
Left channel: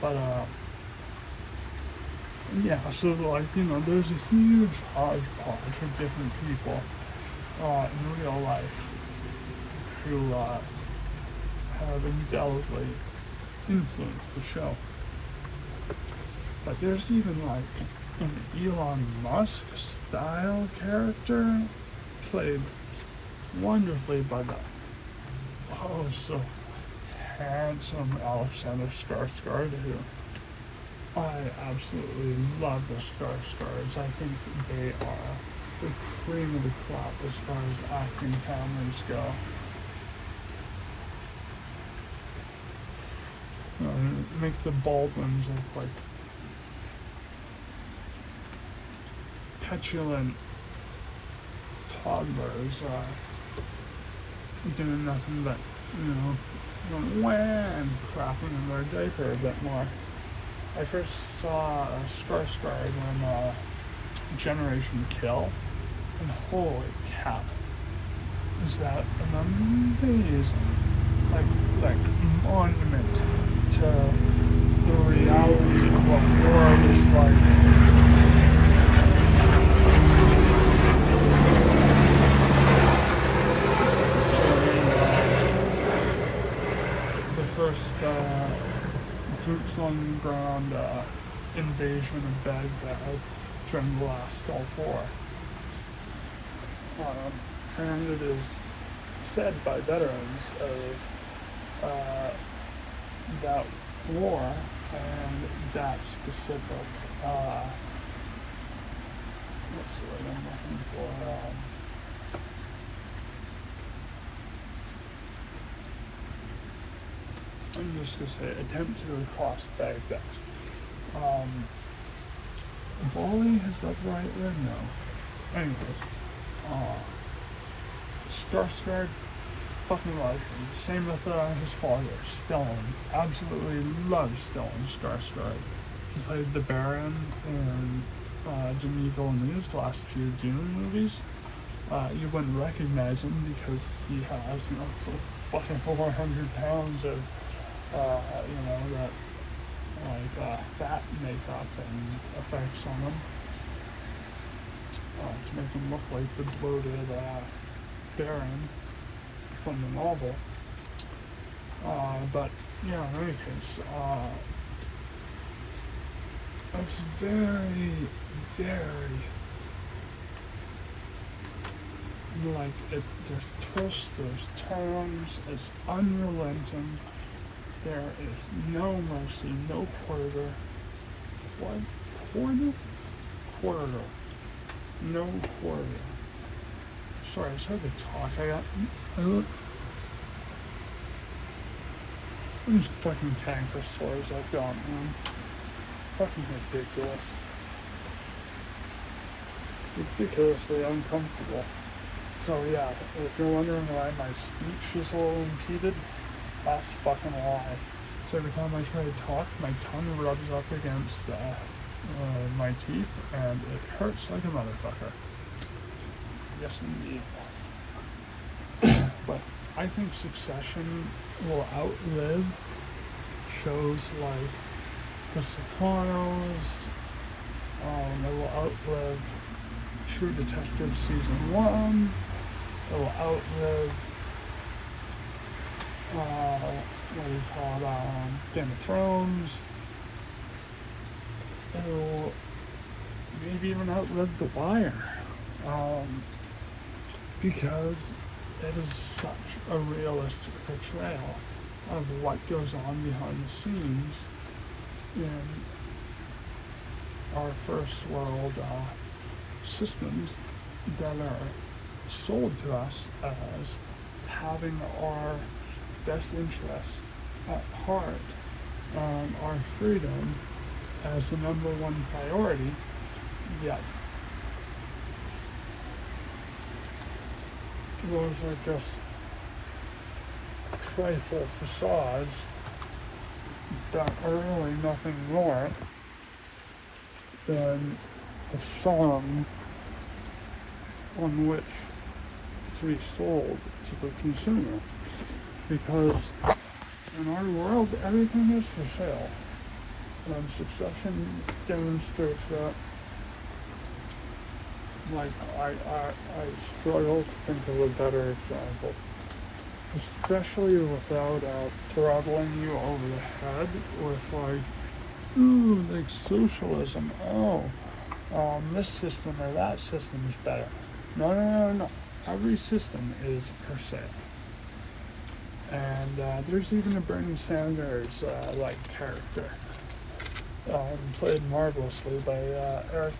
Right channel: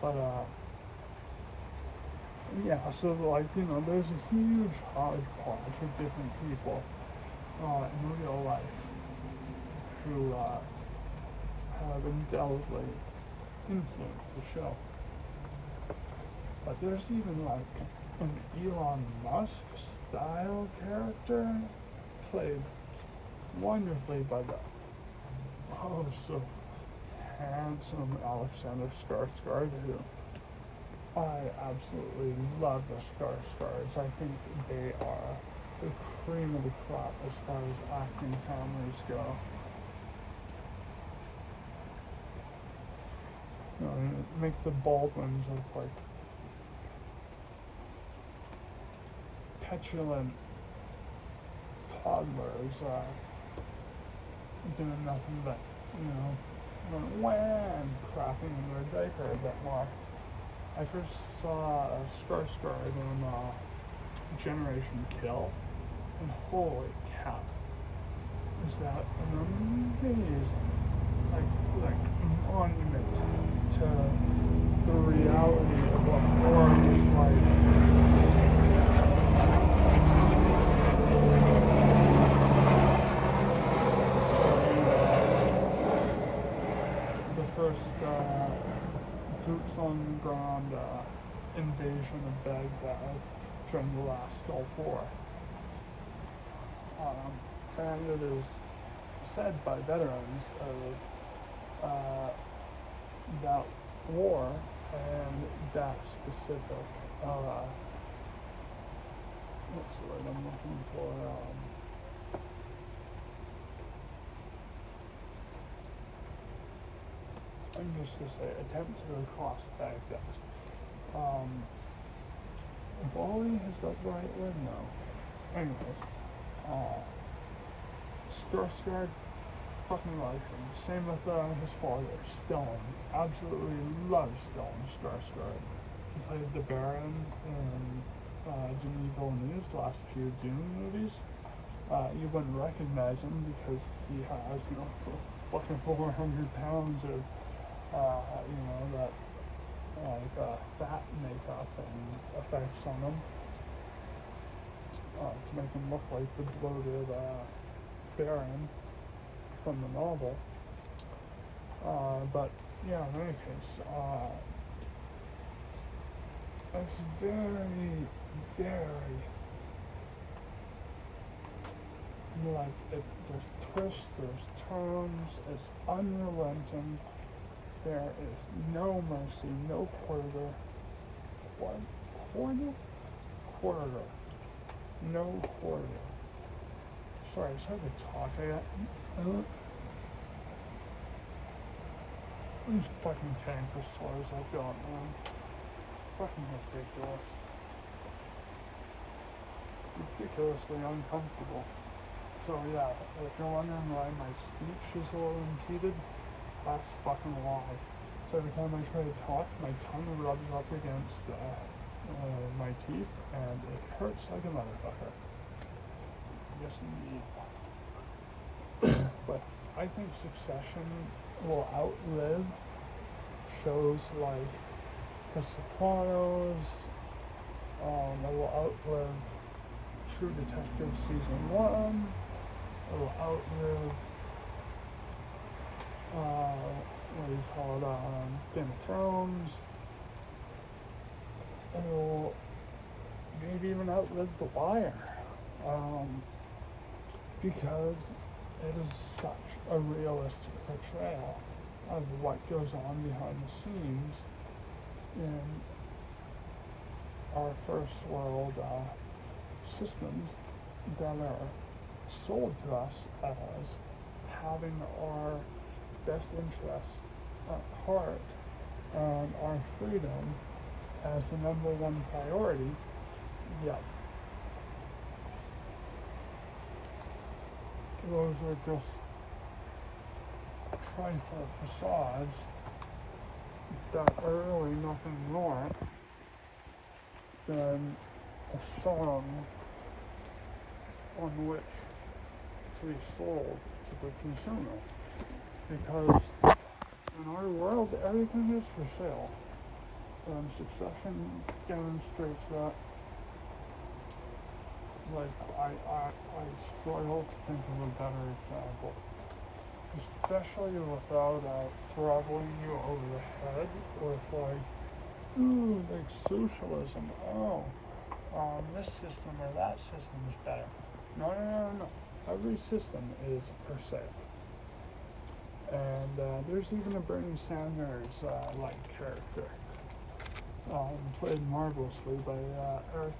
But, yeah, so like, there's a huge hodgepodge of different people, in real life who, have indelibly influenced the show. But there's even like an Elon Musk style character played wonderfully by the so handsome Alexander Skarsgård, who I absolutely love the Skarsgårds. I think they are the cream of the crop as far as acting families go. Make the Baldwins look like petulant toddlers, doing nothing but, going wah and crapping in their diaper a bit more. I first saw Skarsgård on Generation Kill, and holy cow, is that an amazing, like monument to the reality of what the world is like. The first boots on the ground invasion of Baghdad during the last Gulf War. And it is said by veterans of that war and that specific, what's the word I'm looking for? I'm just going to say attempt to cross Baghdad. Volley, is that the right word? No. Anyways, Skarsgård, fucking love him. Same with his father, Stellan. Absolutely love Stellan Skarsgård. He played the Baron in Denis Villeneuve's last few Dune movies. You wouldn't recognize him because he has, fucking 400 pounds of, that, fat makeup and effects on him. To make him look like the bloated, Baron from the novel. But, in any case, it's very, very, there's twists, there's turns, it's unrelenting, there is no mercy, no quarter. What? Quarter? Quarter. No quarter. Sorry, it's hard to talk. These fucking canker sores I've got, man. Fucking ridiculous. Ridiculously uncomfortable. So yeah, if you're wondering why my speech is a little impeded, that's fucking why. So every time I try to talk, my tongue rubs up against my teeth, and it hurts like a motherfucker. Yes, indeed. But I think Succession will outlive shows like The Sopranos. It will outlive True Detective Season 1. It will outlive, Game of Thrones. It will maybe even outlive The Wire. Because it is such a realistic portrayal of what goes on behind the scenes in our first world systems that are sold to us as having our best interests at heart and our freedom as the number one priority, yet those are just trifle facades that are really nothing more than a song on which to be sold to the consumer. Because in our world, everything is for sale. And Succession demonstrates that. Like, I struggle to think of a better example. Especially without throttling you over the head with like, ooh, like socialism. Oh, this system or that system is better. No. Every system is for sale. And there's even a Bernie Sanders like character, played marvelously by Eric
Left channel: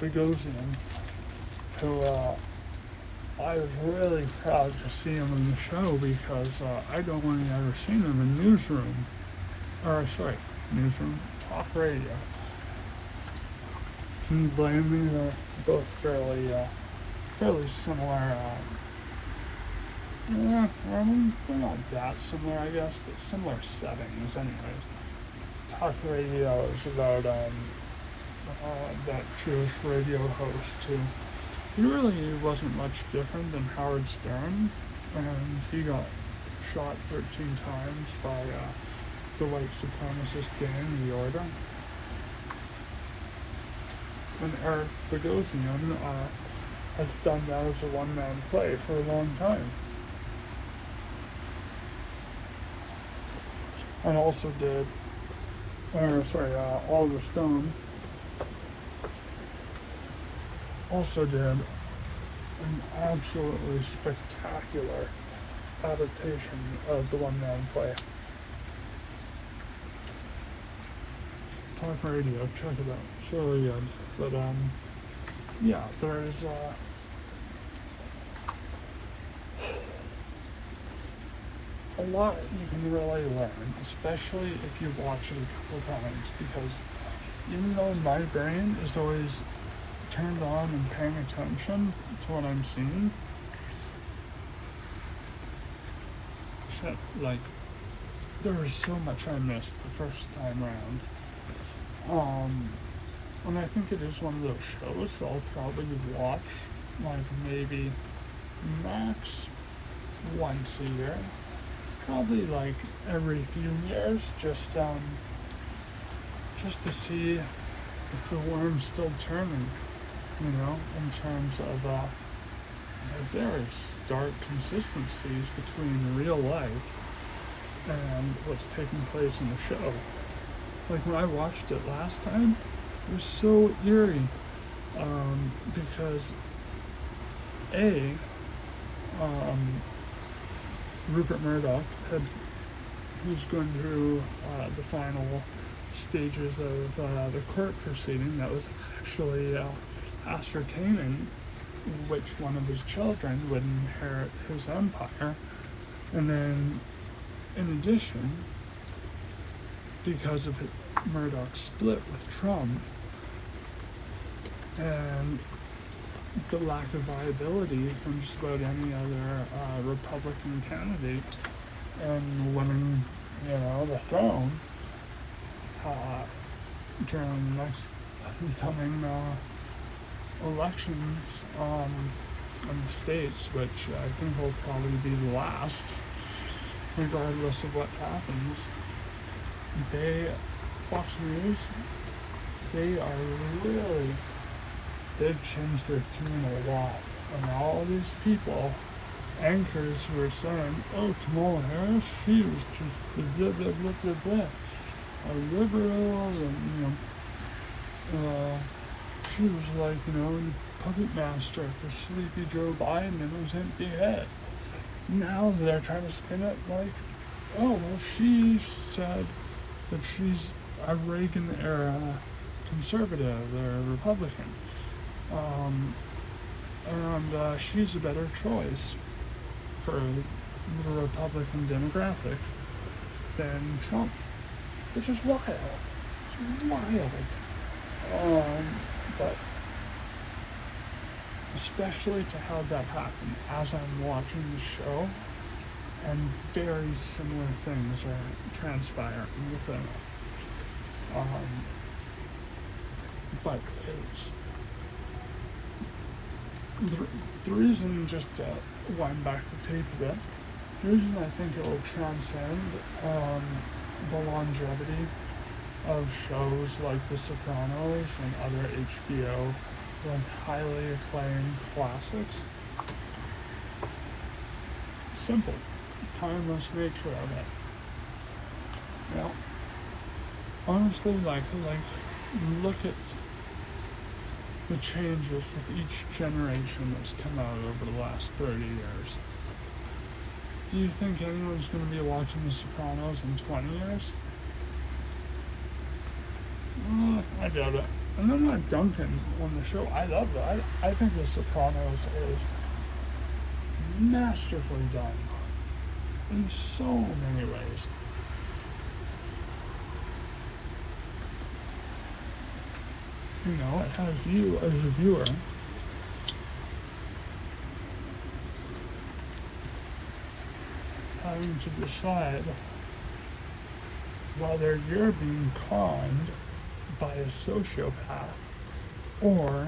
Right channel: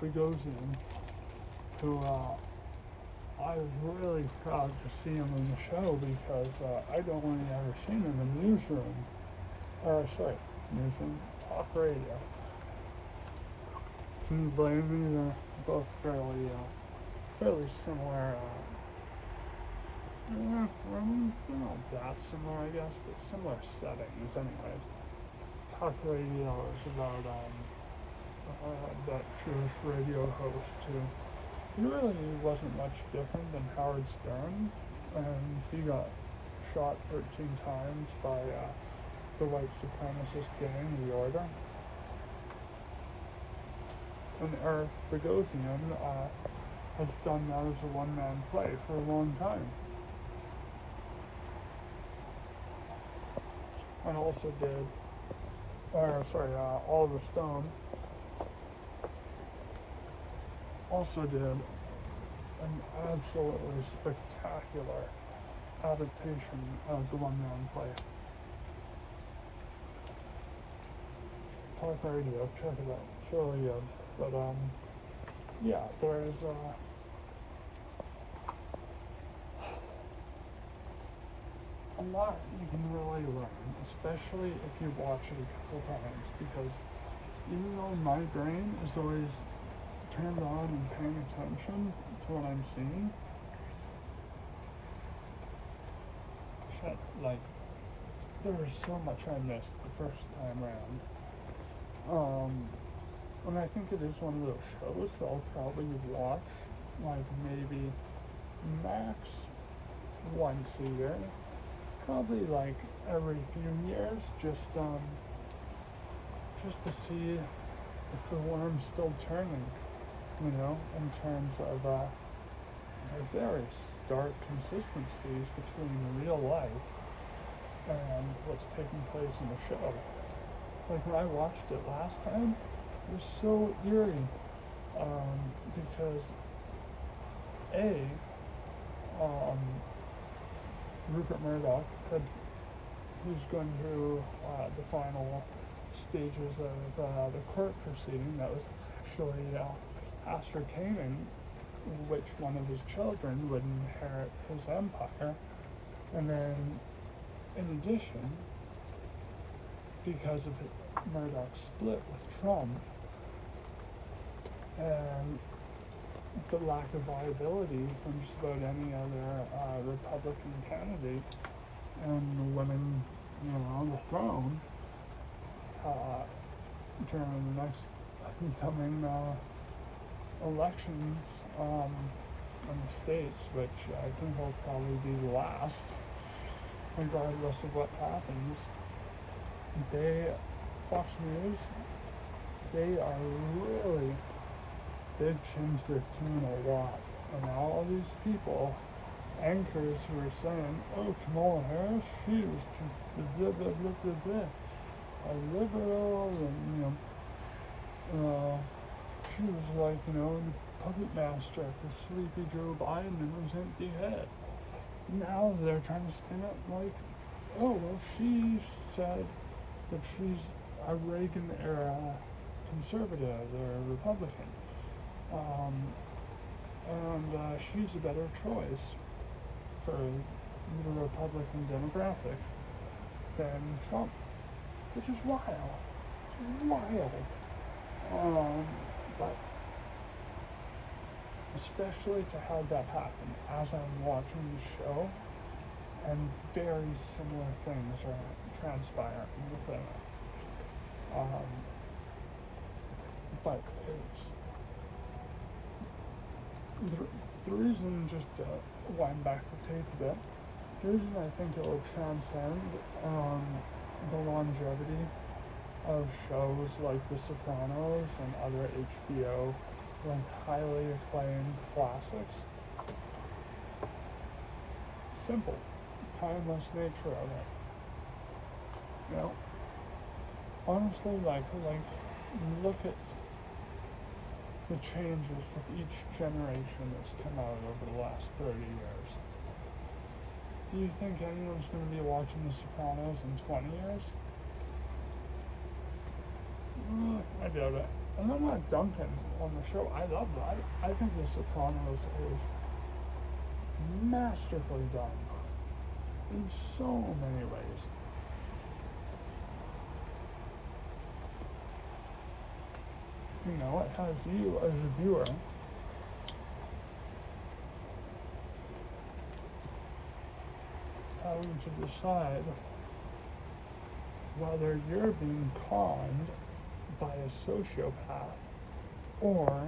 Bogosian, who I was really proud to see him in the show because I'd only ever seen him in Newsroom, Talk Radio. Can you blame me? They're both fairly similar. I mean, they're not that similar, I guess, but similar settings, anyways. Talk Radio is about that Jewish radio host who really wasn't much different than Howard Stern, and he got shot 13 times by the white supremacist gang, the Order. And Eric Bogosian has done that as a one-man play for a long time. And also did, Oliver Stone also did an absolutely spectacular adaptation of the one-man play. Talk Radio, check it out. It's really good. But yeah, there's a lot you can really learn, especially if you watch it a couple times, because even though my brain is always turned on and paying attention to what I'm seeing, like, there was so much I missed the first time around. And I think it is one of those shows that I'll probably watch, like, maybe max once a year. Probably like every few years, just to see if the worm's still turning, in terms of the very stark consistencies between real life and what's taking place in the show. Like when I watched it last time, it was so eerie, because Rupert Murdoch he was going through the final stages of the court proceeding that was actually ascertaining which one of his children would inherit his empire. And then, in addition, because of Murdoch's split with Trump and the lack of viability from just about any other Republican candidate and winning, the throne during the next upcoming elections in the States, which I think will probably be the last, regardless of what happens. Fox News, they've changed their tune a lot. And all these people, anchors who are saying, oh, Kamala Harris, she was just blah, blah, blah, blah, blah. Liberals, and, she was like, puppet master for sleepy Joe Biden and his empty head. Now they're trying to spin it like, oh, well, she said that she's a Reagan-era conservative or Republican. And she's a better choice for the Republican demographic than Trump, which is wild. It's wild. But especially to have that happen as I'm watching the show, and very similar things are transpiring within it. But it's the reason, just to wind back to tape a bit, the reason I think it will transcend the longevity of shows like The Sopranos and other HBO, like highly acclaimed classics, simple, timeless nature of it. Now, honestly, like look at the changes with each generation that's come out over the last 30 years. Do you think anyone's going to be watching The Sopranos in 20 years? I doubt it. And I'm not dunking on the show. I love it. I think The Sopranos is masterfully done in so many ways. You know, it has you as a viewer having to decide whether you're being conned by a sociopath or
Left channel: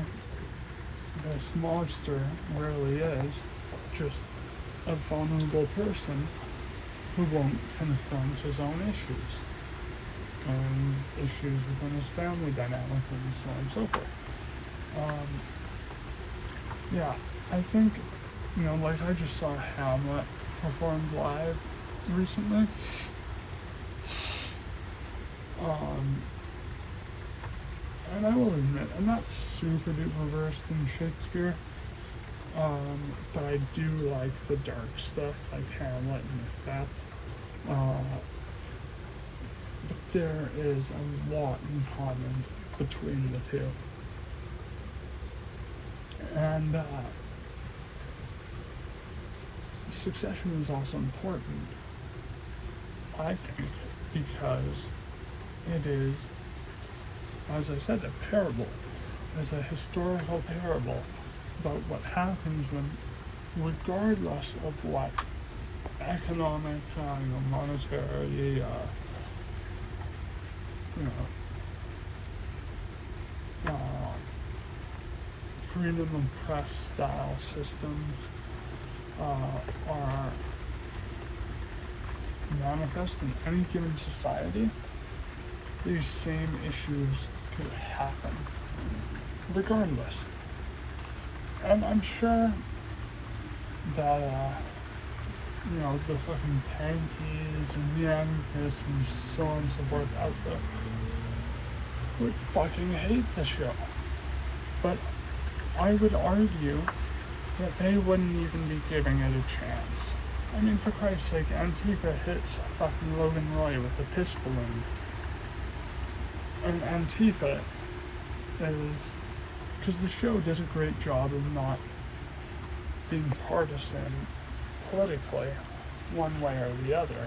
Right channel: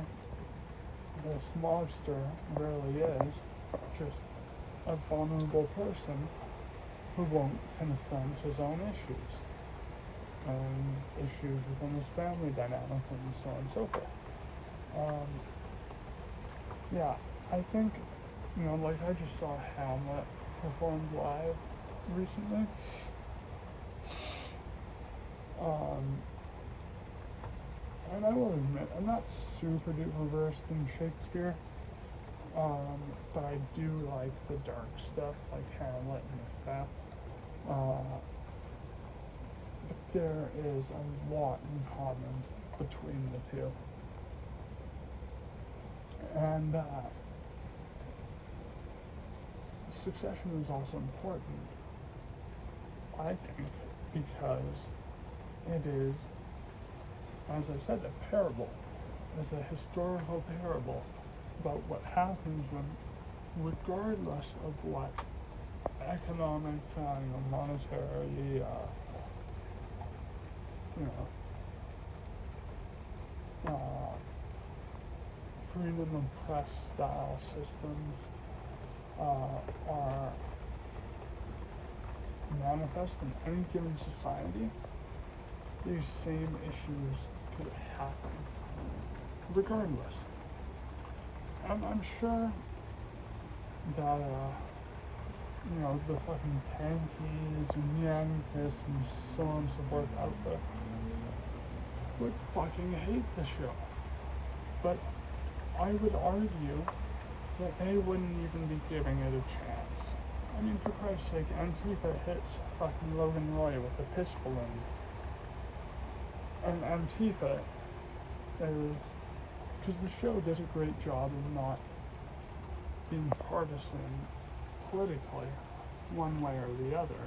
this monster really is just a vulnerable person who won't confront his own issues and issues within his family dynamic and so on and so forth. Yeah, I think, you know, like I just saw Hamlet performed live recently. And I will admit, I'm not super duper versed in Shakespeare, but I do like the dark stuff, like Hamlet and Macbeth. But there is a lot in common between the two. And succession is also important, I think, because it is, as I said, a parable. It's a historical parable about what happens when, regardless of what economic, monetary, freedom of press style systems are manifest in any given society, these same issues could happen regardless. And I'm sure that, the fucking tankies and Yankees and so on and so forth out there would fucking hate the show. But I would argue that they wouldn't even be giving it a chance. I mean, for Christ's sake, Antifa hits fucking Logan Roy with the piss balloon. And Antifa is, because the show does a great job of not being partisan politically one way or the other,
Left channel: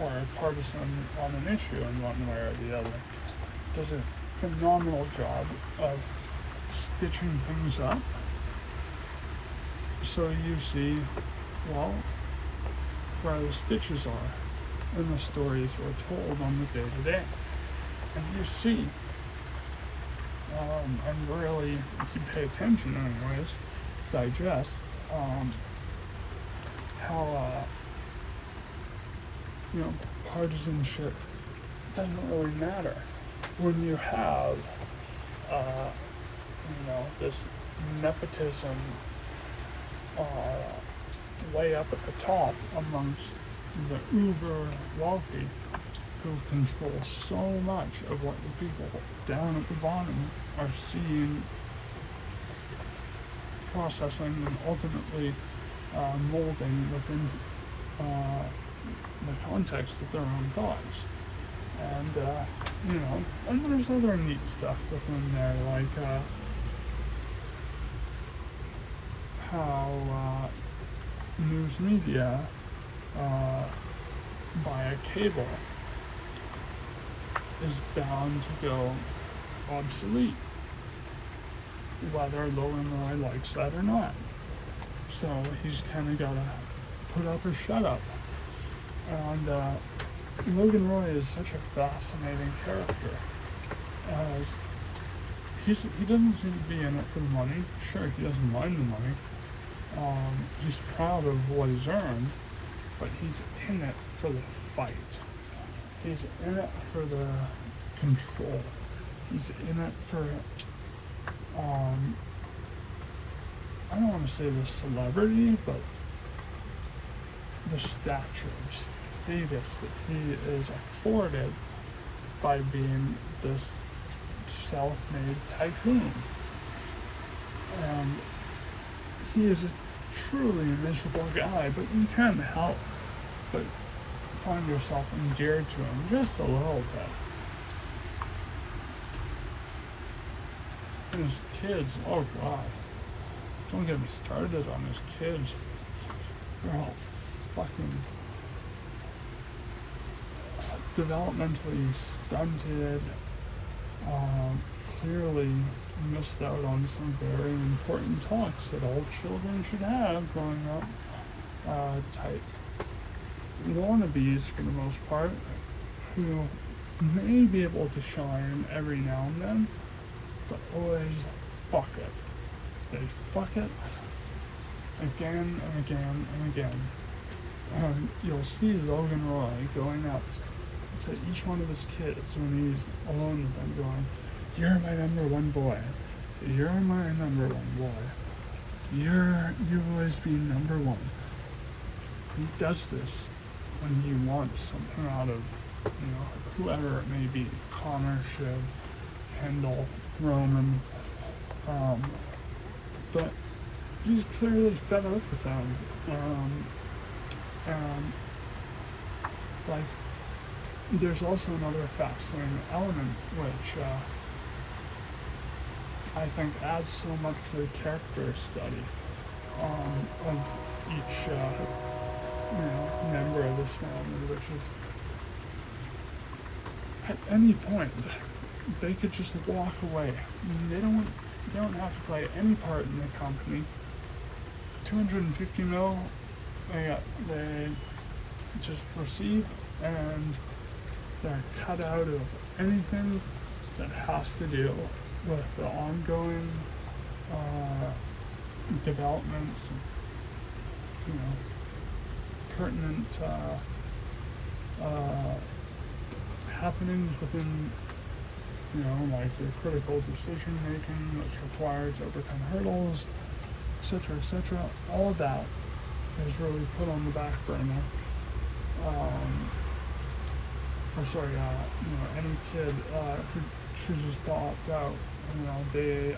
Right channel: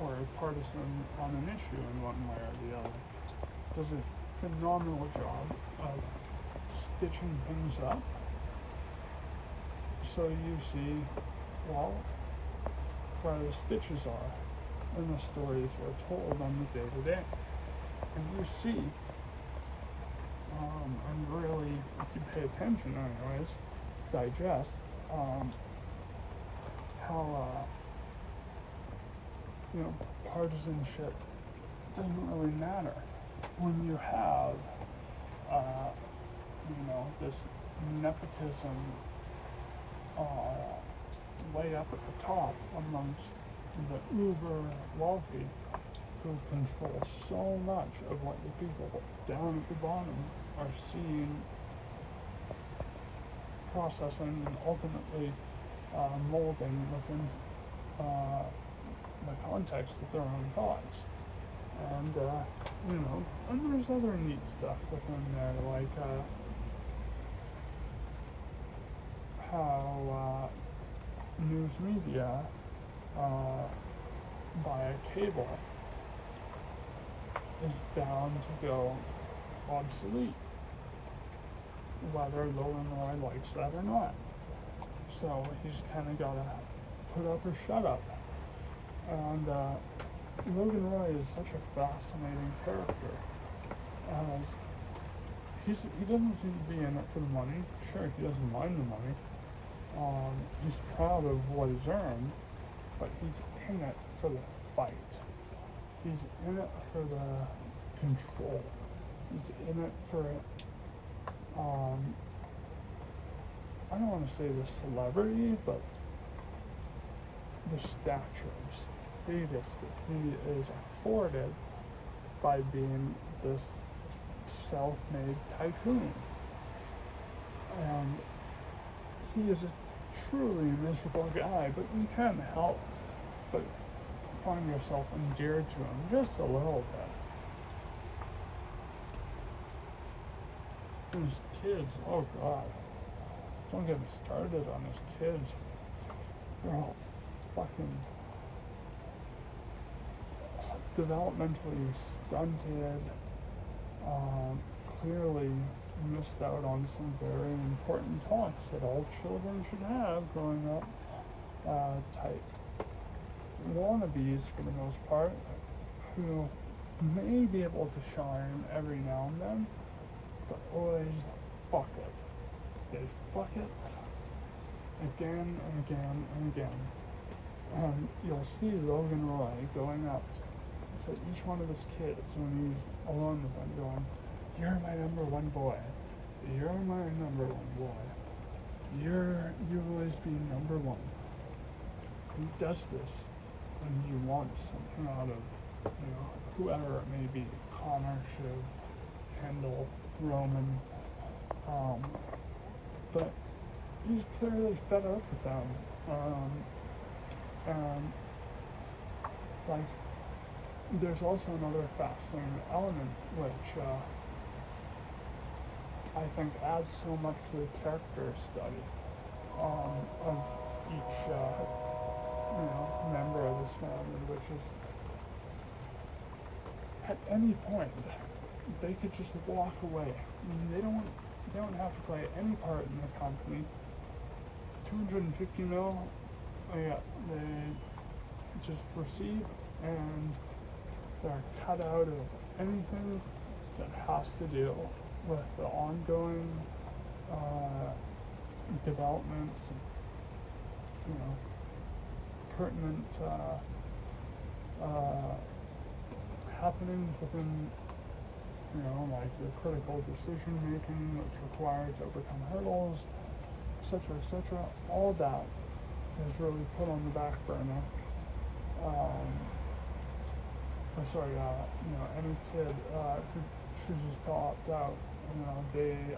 or partisan on an issue in one way or the other. It does a phenomenal job of stitching things up so you see, well, where the stitches are in the stories we're told on the day-to-day. And you see, and really, if you pay attention anyways, digest, how, partisanship doesn't really matter when you have, this nepotism way up at the top amongst the uber wealthy who control so much of what the people down at the bottom are seeing, processing, and ultimately molding within the context of their own thoughts. And, and there's other neat stuff within there, like how news media via cable is bound to go obsolete. whether Logan Roy likes that or not. So he's kind of got to put up or shut up. And Logan Roy is such a fascinating character. As he doesn't seem to be in it for the money. Sure, he doesn't mind the money. He's proud of what he's earned, but he's in it for the fight. He's in it for the control. He's in it for, I don't want to say the celebrity, but the stature, status that he is afforded by being this self-made tycoon. And he is a truly miserable guy, but you can't help but find yourself endeared to him just a little bit. His kids, oh god, don't get me started on his kids. They're all fucking developmentally stunted, clearly missed out on some very important talks that all children should have growing up. Type wannabes, for the most part, who may be able to shine every now and then, but always fuck it. They fuck it again and again and again. You'll see Logan Roy going up to each one of his kids when he's alone with them, going, "You're my number one boy. You're my number one boy. You've always been number one." He does this when he wants something out of, whoever it may be, Connor, Shiv, Kendall, Roman, but he's clearly fed up with them, and there's also another fascinating element which I think adds so much to the character study of each member of this family, which is at any point they could just walk away. They don't have to play any part in the company. 250 mil they just receive, and they're cut out of anything that has to do with the ongoing developments, pertinent happenings within, like the critical decision making that's required to overcome hurdles, etc. All of that is really put on the back burner. Any kid who chooses to opt out, they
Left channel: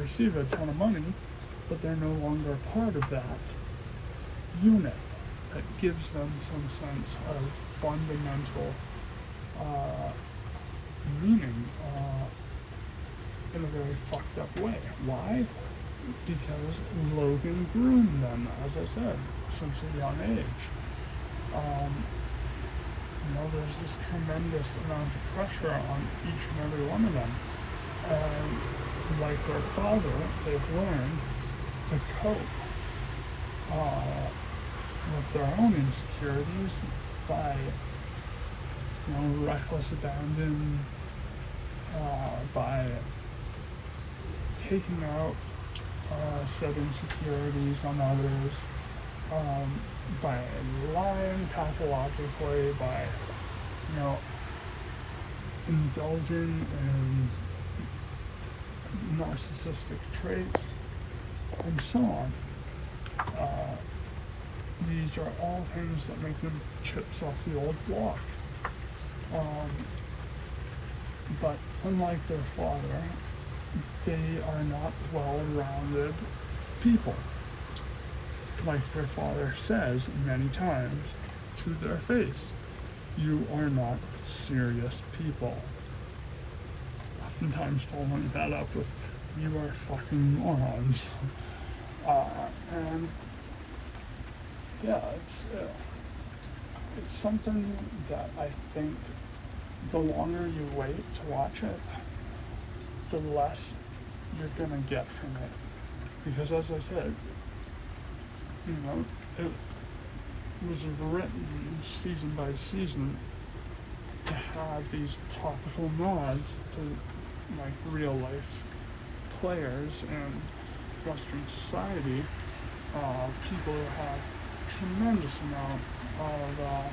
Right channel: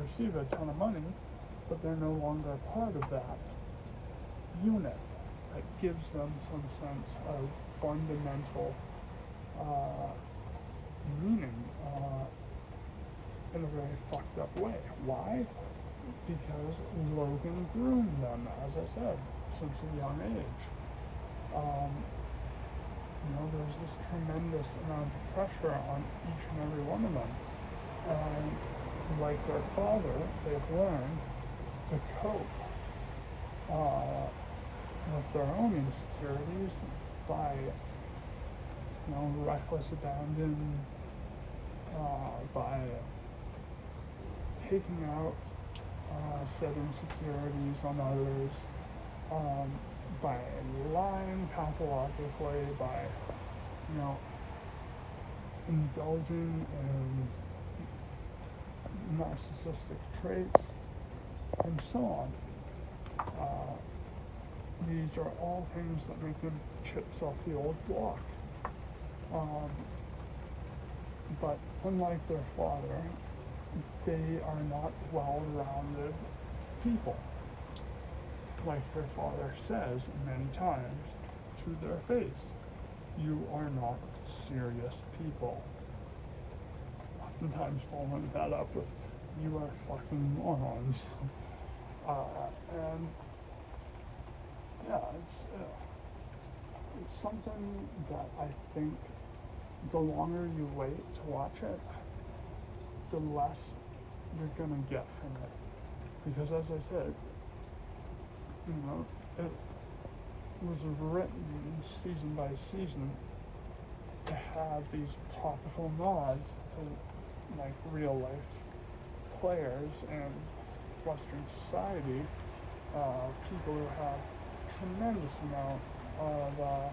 receive a ton of money, but they're no longer a part of that unit that gives them some sense of fundamental meaning in a very fucked up way. Why? Because Logan groomed them, as I said, since a young age. There's this tremendous amount of pressure on each and every one of them. Like their father, they've learned to cope with their own insecurities by, reckless abandon, by taking out said insecurities on others, by lying pathologically, by, indulging in narcissistic traits, and so on. These are all things that make them chips off the old block. But unlike their father, they are not well-rounded people. Like their father says many times to their face, you are not serious people. Oftentimes following that up with, you are fucking morons. And yeah, it's something that I think the longer you wait to watch it, the less you're gonna get from it. Because as I said, you know, it was written season by season to have these topical nods to like real life players in Western society, people who have tremendous amount of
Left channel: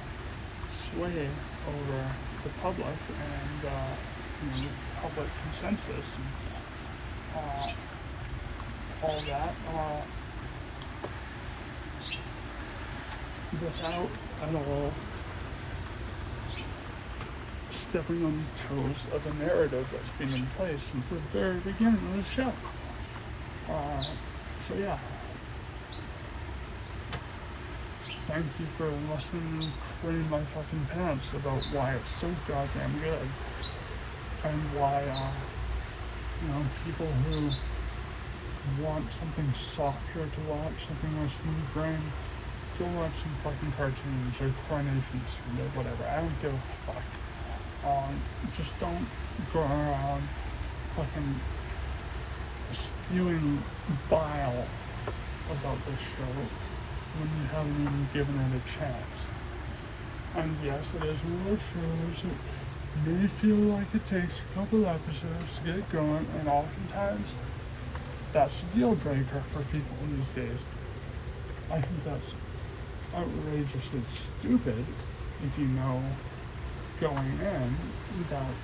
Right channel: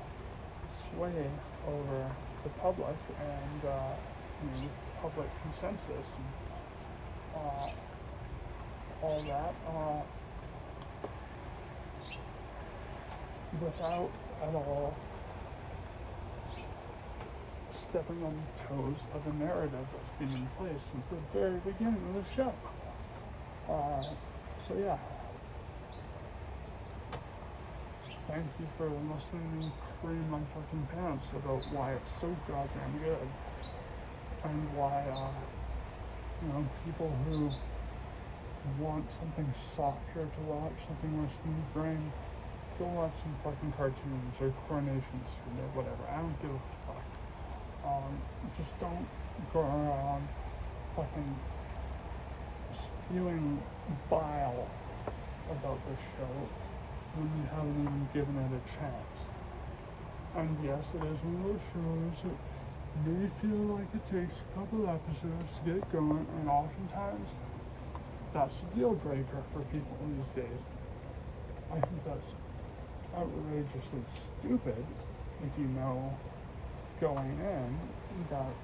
sway over the public and public consensus and all that, without stepping on the toes of the narrative that's been in place since the very beginning of the show. So yeah. Thank you for listening and crating my fucking pants about why it's so goddamn good. And why, people who want something softer to watch, something more smooth brain, go watch some fucking cartoons or Coronation Street or whatever. I don't give a fuck. Just don't go around fucking spewing bile about this show when you haven't even given it a chance. And yes, it is one of those shows that may feel like it takes a couple episodes to get going, and oftentimes that's a deal breaker for people these days. I think that's outrageously stupid if you know going in that,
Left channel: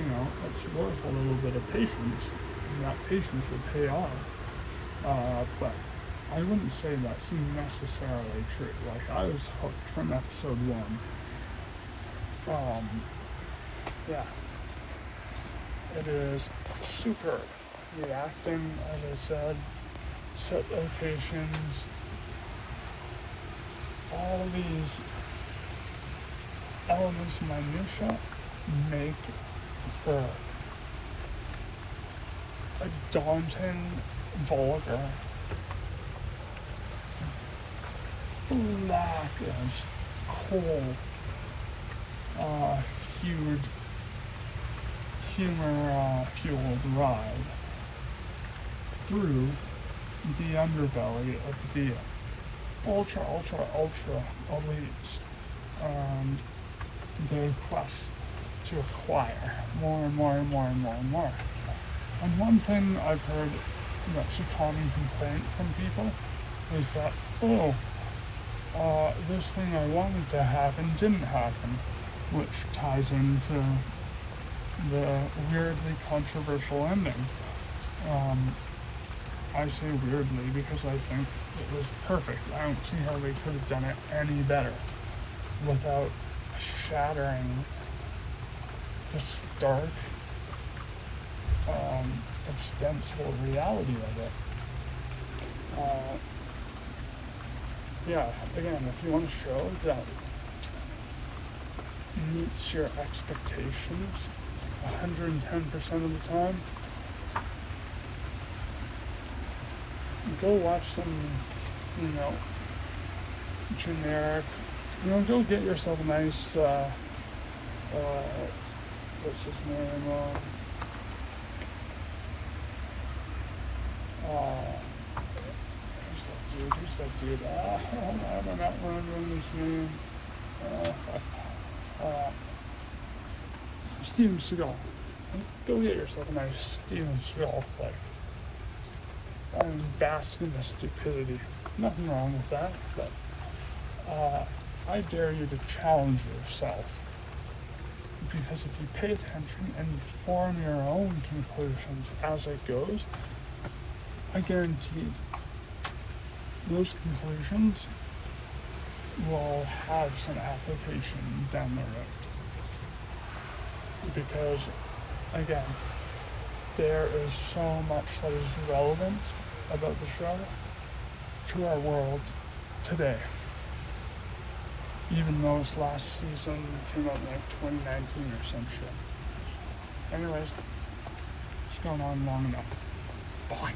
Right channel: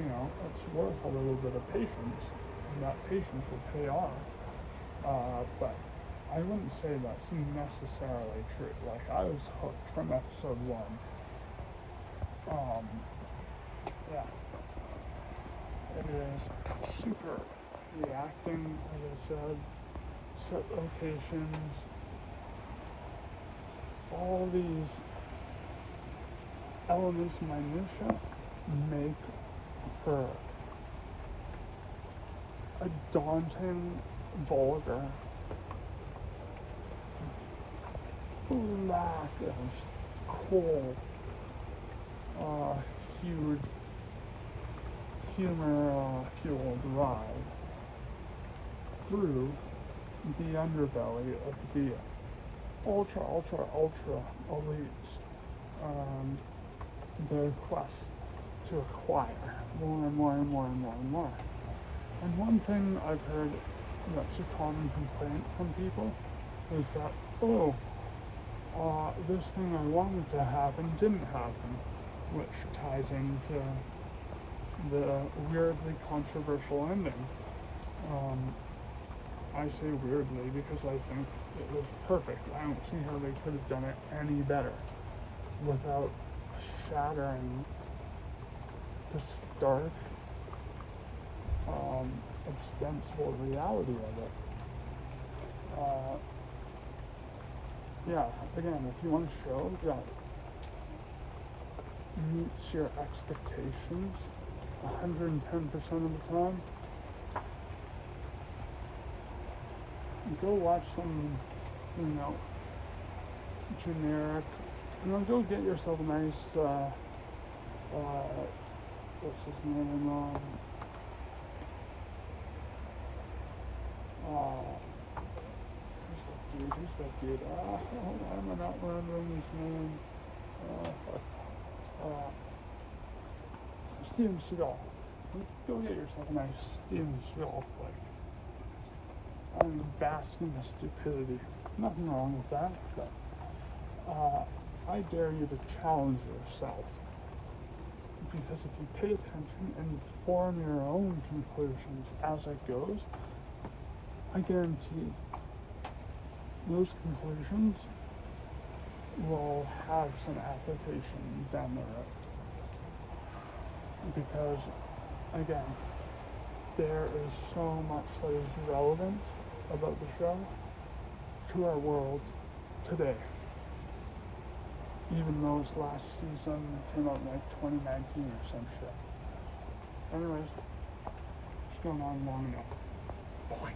it's worth a little bit of patience, and that patience will pay off. But I wouldn't say that's necessarily true. Like, I was hooked from episode 1. Yeah. It is superb. The acting, as I said, set locations, all these elements of minutia make for a daunting, vulgar, black and cold, humor-fueled ride through the underbelly of the ultra elites and their quest to acquire more and more. And one thing I've heard that's a common complaint from people is that, this thing I wanted to happen didn't happen, which ties into the weirdly controversial ending. I say weirdly because I think it was perfect. I don't see how they could have done it any better without shattering the stark, ostensible reality of it. Again, if you want a show that meets your expectations 110% of the time, go watch some, generic, go get yourself a nice, what's his name, who's that dude, I'm not remembering his name, Steven Seagal. Go get yourself a nice Steven Seagal flick. Bask in the stupidity. Nothing wrong with that, but I dare you to challenge yourself. Because if you pay attention and you form your own conclusions as it goes, I guarantee those conclusions will have some application down the road. Because, again, there is so much that is relevant about the show to our world today. Even though its last season came out in like 2019 or some shit. Anyways, it's going on long enough. Bye.